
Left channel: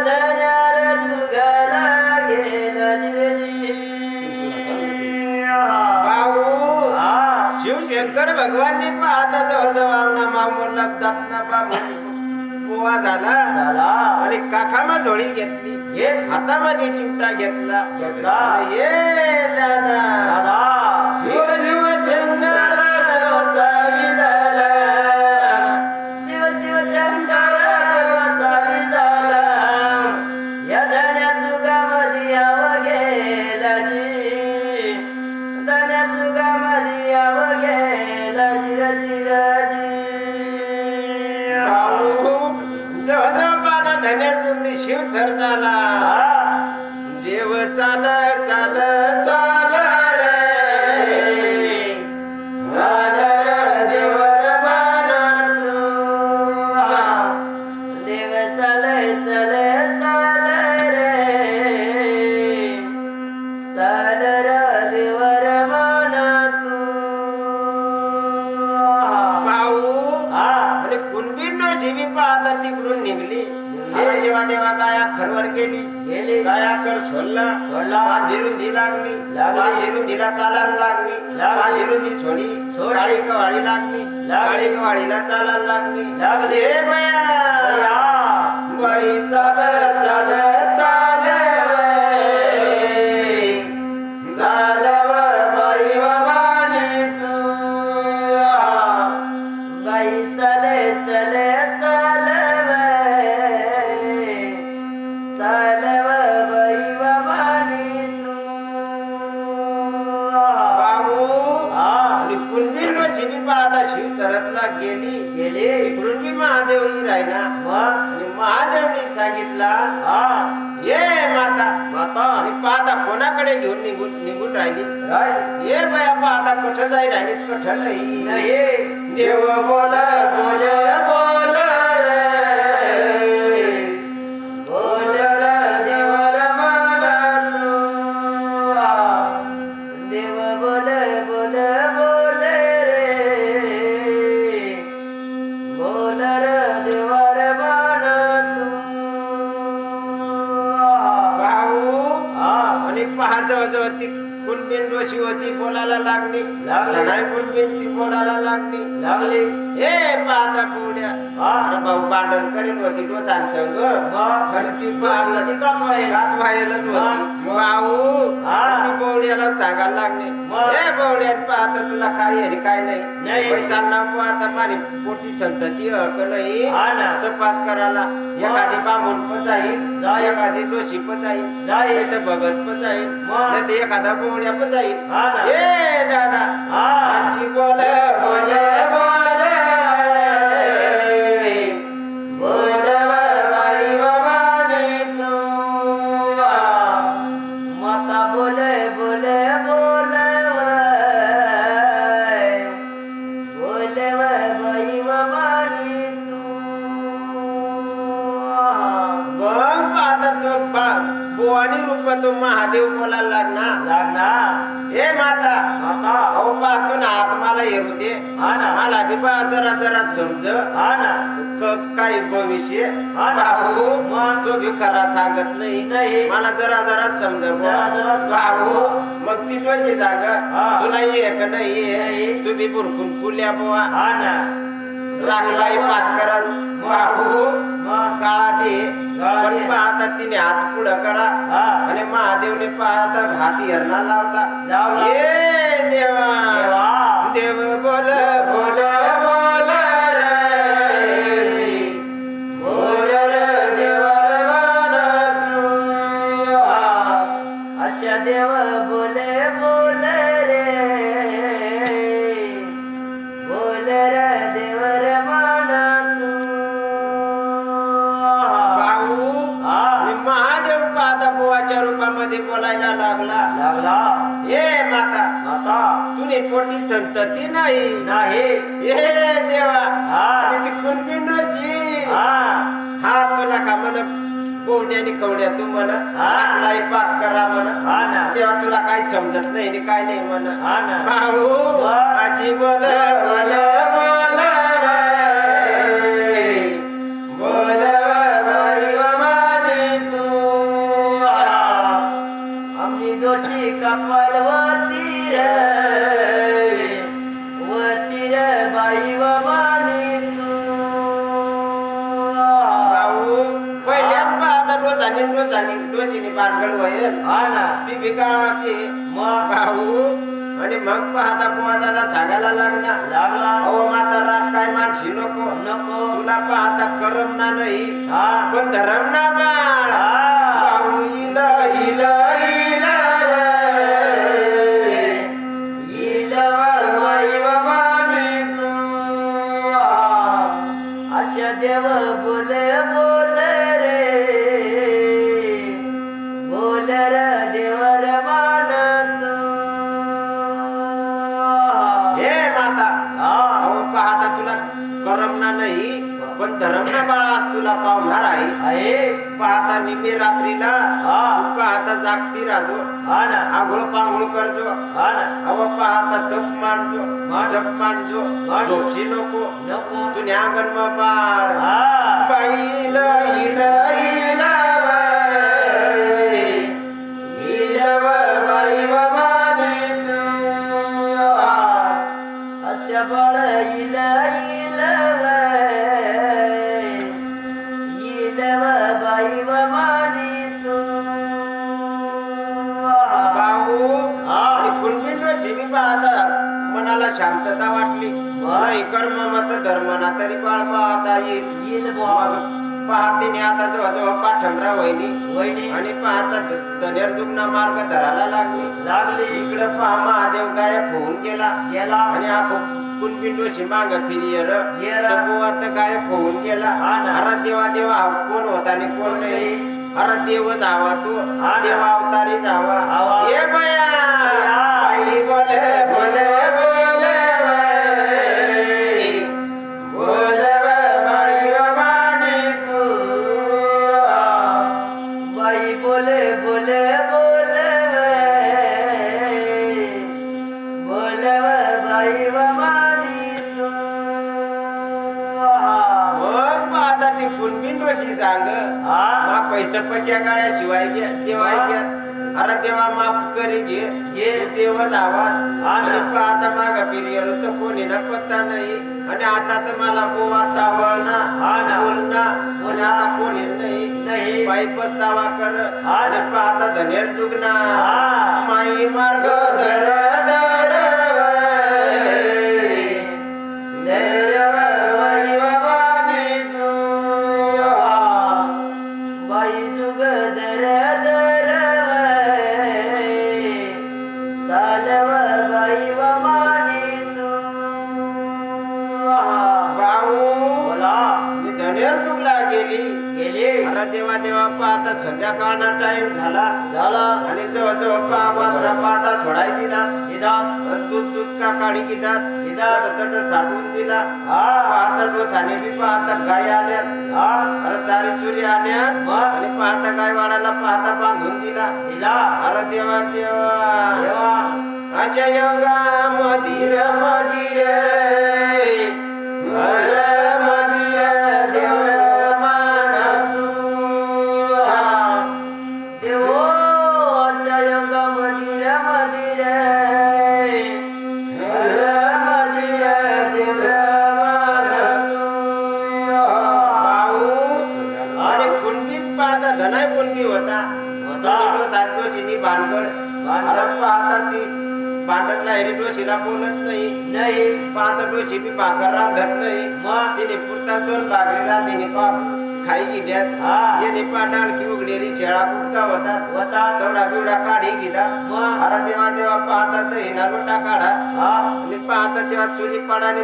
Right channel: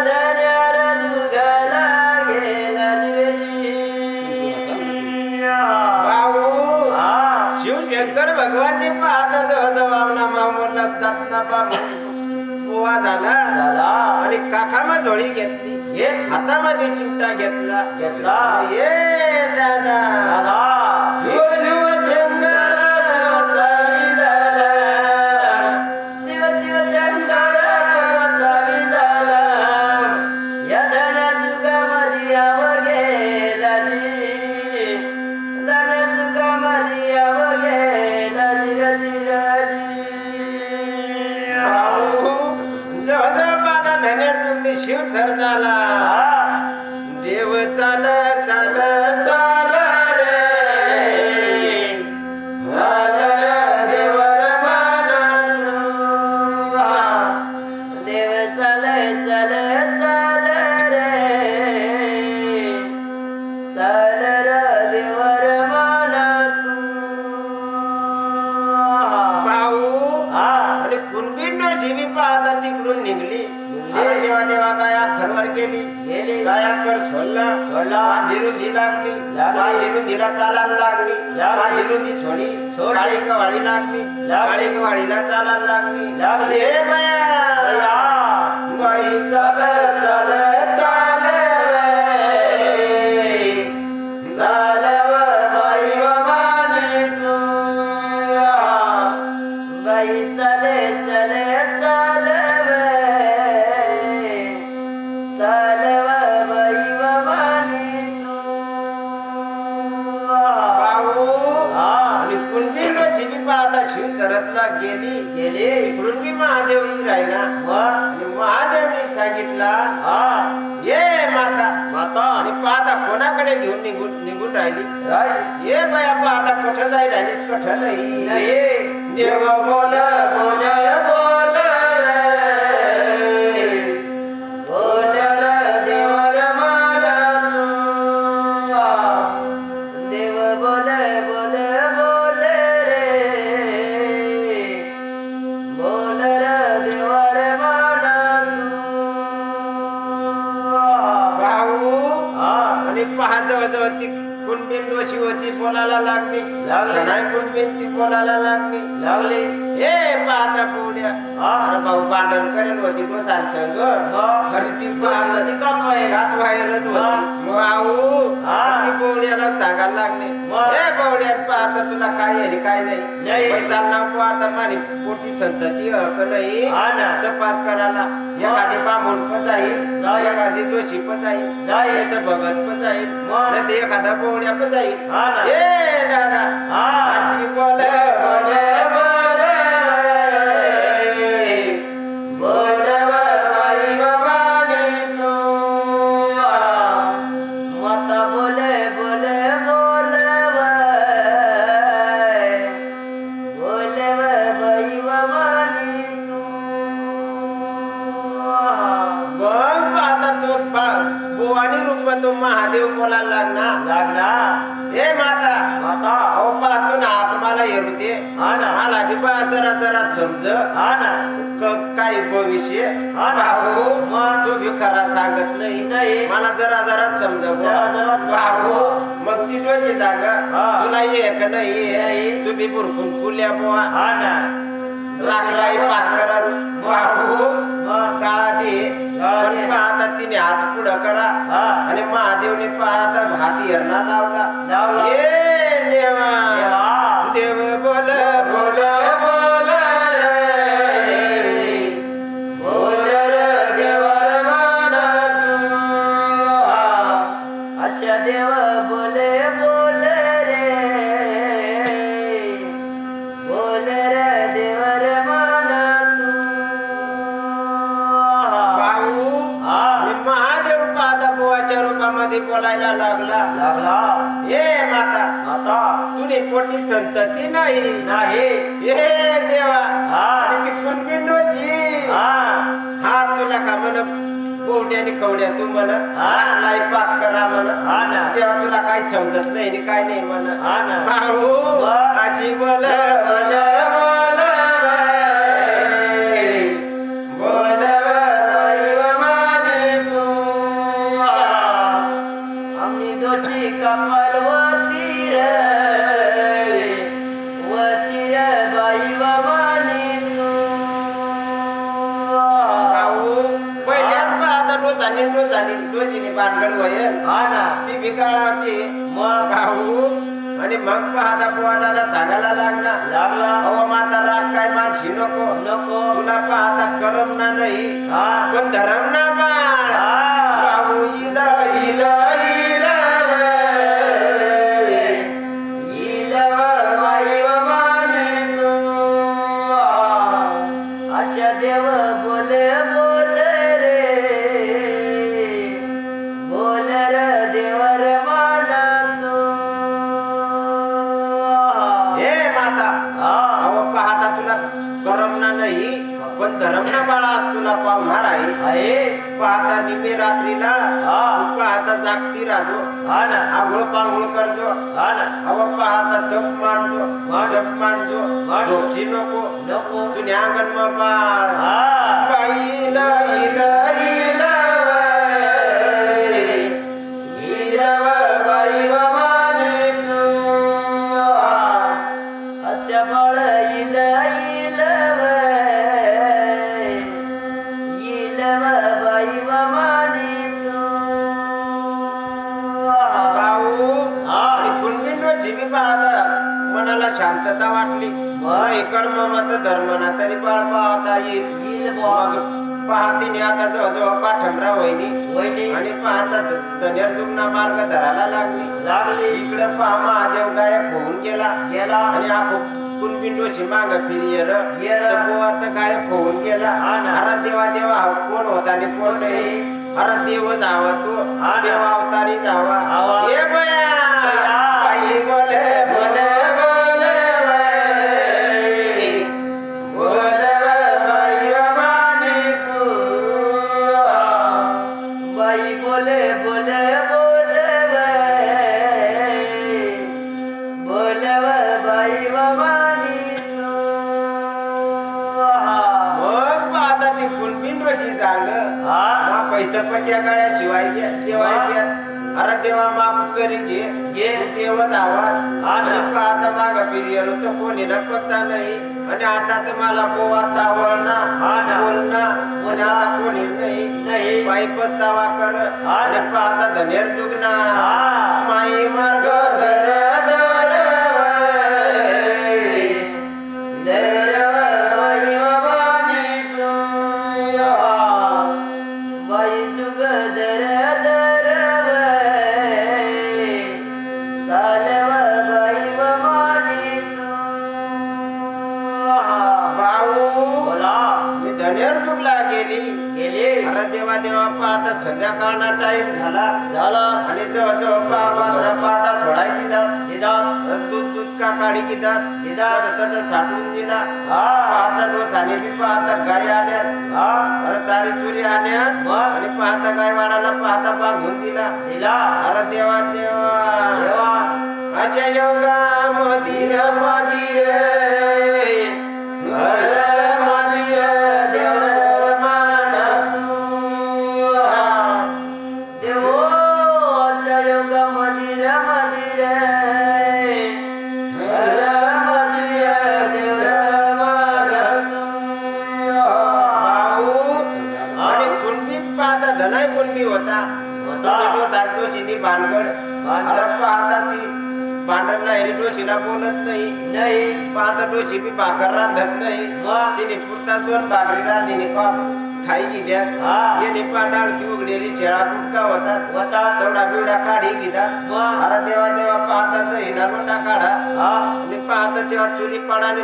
धन्यार जुगाला गेला जीवजी. भाऊ शिवशंकर भगवाननी पाहता जवळजवळ नामा जात ना बुवा झाला आणि काखामा झोळी घेतली, हातामध्ये चिमटा घेतला. ये दादा शिव शिव शंकर गोसावी झाला, शिव शिव शंकर गोसावी झाला. या धन्या जुगामध्ये याव गेला जी, धन्या जुगामध्ये याव गेला जिराजी. जवळजवळ पाहता धन्य चुकली शिव सरदाला. देव चाल चाल चाल रे चाल देवर मनात. देव चाल चाल चाल रे चाल र देवर मनात. भाऊ आणि कुणबी जीवी पाहता तिकडून निघली. देवा देवा गाया खरवर गेली, गाया खर सोडला, पांढिरून धी लागली, पांढिरून धीला चालायला लागली, पांढिरून धी सोडी काळी कवाळी लागली, काळी कवाळीला चालायला लागली. हे बया बाई चाल चाल चाल चालव बाई मानी तू. बाई चाले चाले चालव चालव बाई मानी तू. भाऊ आणि पुण्य शिवी पाहता शिव सरतला गेली. इकडून मी महादेव ही राहिला आणि महादेवनी सांगितला ये माता. आणि पाहता कोणाकडे घेऊन निघून राहिली. ये बया पाहता कठ जाई राहिलीस, कठ नाही. देव बोल बोल बोल बोल देवर मनात. देव बोल बोल बोल रे बोल र देवर मनात. भाऊ आणि पहा जवळजवळ ती कुणबीन डोशी होती बोलायला लागली. नाही कुणबीन ती बोलायला लागली. हे पाहता पुढ्या अरे भाऊ भांडण करीत होती डोसांसंग. आणि ती पाहता रात व्हायलाच होती. भाऊ ती पौड्याला सांगायला लागली. हे पौड्या पाहता तुला काय आहे काय नाही चालणार पाहता माझी पोटी संतती हक नाही तपास करायला. एखादी बामून पण जाईल, एखादी दोषी पण जाईल, तर भगत पण जाईल, नाही तर एखादा पौड्या पण जाईल. हे दादा अशी बोल बोल बोल बोल बाई मानी तू. माता बोल बोल बोल बोल बाई मानी तू. मग पाहता तो बुवानी रूप तो महादेव बोलायला लागणार. हे माता अहो पाहतो ना आत मला येऊ दे, मला बी बा जरा जरा समज काही भविष्य. भाऊ तो बी खरा सांगत नाही, मला जरा जरा समज भाऊ. मग ती डोकी जाग तुला ये का नाही, तू बी बुरकून फुल्या बुवा लागलाय पाक करत. भाऊ काळा दे पण पाहता तिने हात पुढं करा आणि महादेवने पाहता हात हेरणा लावला. ये देवा देव बोल बोल बोल रे बोल रे देवर मनात. अशा देव बोले बोल रे बोल रे देवर मनात. भाऊ आणि महादेव पाहता बुवाच्या रूपामध्ये बोलायला लागला. हे माता तुने पोटी संतती नाही. हे देवा आणि ती कुणबिंडोची हा तुला का म्हण कोवड्याने कवड्या तू म्हण लागलाय पाक करा म्हण. तेव्हा तुला काय समजत नाही काय नाही म्हण. भाऊ आजी बोल बोल बोल बोल बाई मानी आणि डोजीने भानगड होईल हा ना ती बिकाळाची मग भाऊ आणि मग पाहता बुवा दादा सांगायला लागला लागला अहो माता राग काय मानशी नको नको तुला पाहता करमना नाही हा पण धरमना बाळ हा भाऊ इल इल इल अशा देव बोले बोले रे बोल रे देवर मानतो हे माता अहो पाहता तुला करमना नाही पण धरमना बाळास तुला पावणार आहे पाहता निमे रात्रीला तू पाहता जागती राजो आंघोळ पांघोळ करजो अहो पाहता तप मांडजो जप मांडजो झोपशी नको तुझ्या अंगण बाई इल इल बाई अशा बाळ इल इल इलव बाई मानितो भाऊ आणि कुणबींची बी पाहता मनाला शांतता वाटली नाही कर्म मत धर्मना तरी बाळ पाहता येईल पाहते आता जवळजवळ पाठमरा वहिनी आणि पाहता धनेर जुगना मार्ग धरायला लागली इकडे पहा महादेव गायब होऊन गेला आणि आपण कुणबिंडोशी माग फिरी आता गायब होऊन गेला अरे देवा देवा हा कोण होता आणि कोण नाही अरे देव जावा तो देव अवतारी जावा हे बया बाई बोले बोले बोले बोले बाई मानी तू बाई बोले बोले बोले बोले बाई मानितो मग पाहता ती कुणबिंडोची सांग पैतपच्या गाड्या शिवाय देवाय अरे देवा माफ करी घे देव जावा आणि पाहता माग फिरियल तर कोणी ना पत्ता नाही आणि आता तर मला गोवा चावळना बोलना पण आता कोणीच नाही पायी पस्तावा कर आणि पाहता धनेर दुगना माई मार्ग धर धर बाई जुग दर दर सालव बाई मानितो भाऊ बोला मी धनेर दुगला गेली गेले अरे देवा देवा पाहता संध्याकाळना टाइम झाला आणि जवळजवळ पावरा पाटा सोडाय दिला दूध दूध का काढी किदात तट साठवून दिला पाहता डोसाने बी पाहता गाय आल्यात अरे चारी चुरी आल्यात आणि पाहता गाय वाडाला पाहता बांधून दिला अरे देवा देवा अच्छा योगा मधीर मधीर मधीर देवर माना तू देवो अशा योगा मधीर मधीर धनाय कुणबी होता डोशीनी भानगड पाहता ती भांडण नाही डोशीला बोलत नाही पाहता डोशी बी भाकर रांधत नाही तिने पुरता 2 भाकरी रांधीने खाई की घ्यात येणे डाळ की उघडेली शेळा कुटका होतात तेवढा बिवडा काढी घेतात आता देवा देवा पाहता दही ना लोटा काढा आणि पाहता तेव्हा चुरी पाडाने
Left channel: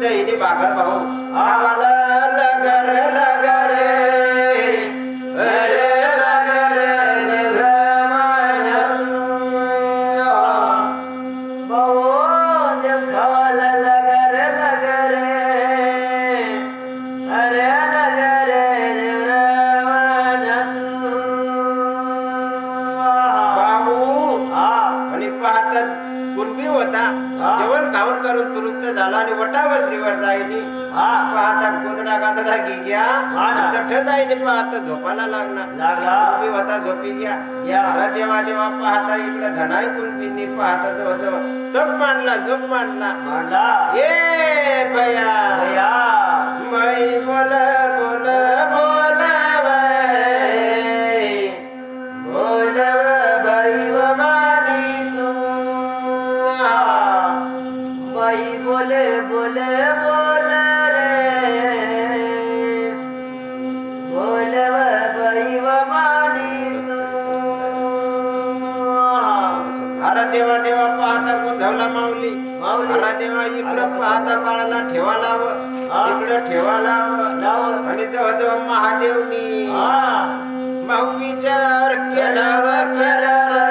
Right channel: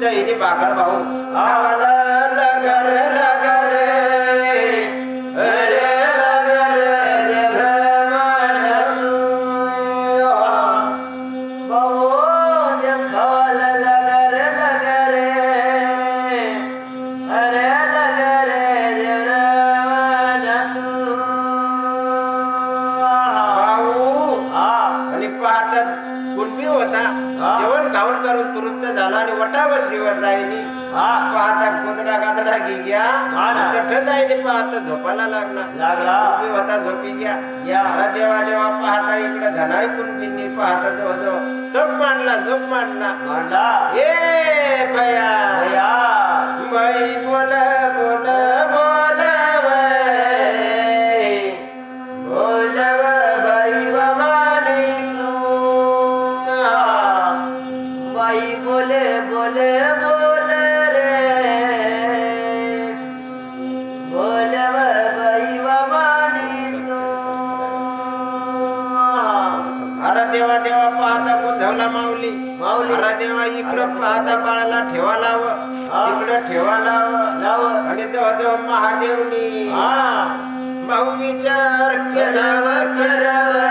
दहीने भाकर भाऊ खावाला लगर लगर अरे लगर कुणबी होता जेवण खाऊन करून तुरुक्त झाला आणि वटा वसरीवर जाईनी पाहता गोदडा गादडा घ्या तठ जाईनी पाहता झोपायला लागला कुणबी होता झोपी घ्या देवा देवा पाहता इकडे धनाई कुणबींनी पाहता जवळ तप मांडला झोप मांडला ए भया बाई बोल बोल बोल अरे देवा देवा पाहता गोंधळला माऊली माऊली. अरे देवा इकडं पाहता बाळाला ठेवा लाव इकडं ठेवा लाव आणि जवळ महादेवनी हा माऊ विचार केला व करावा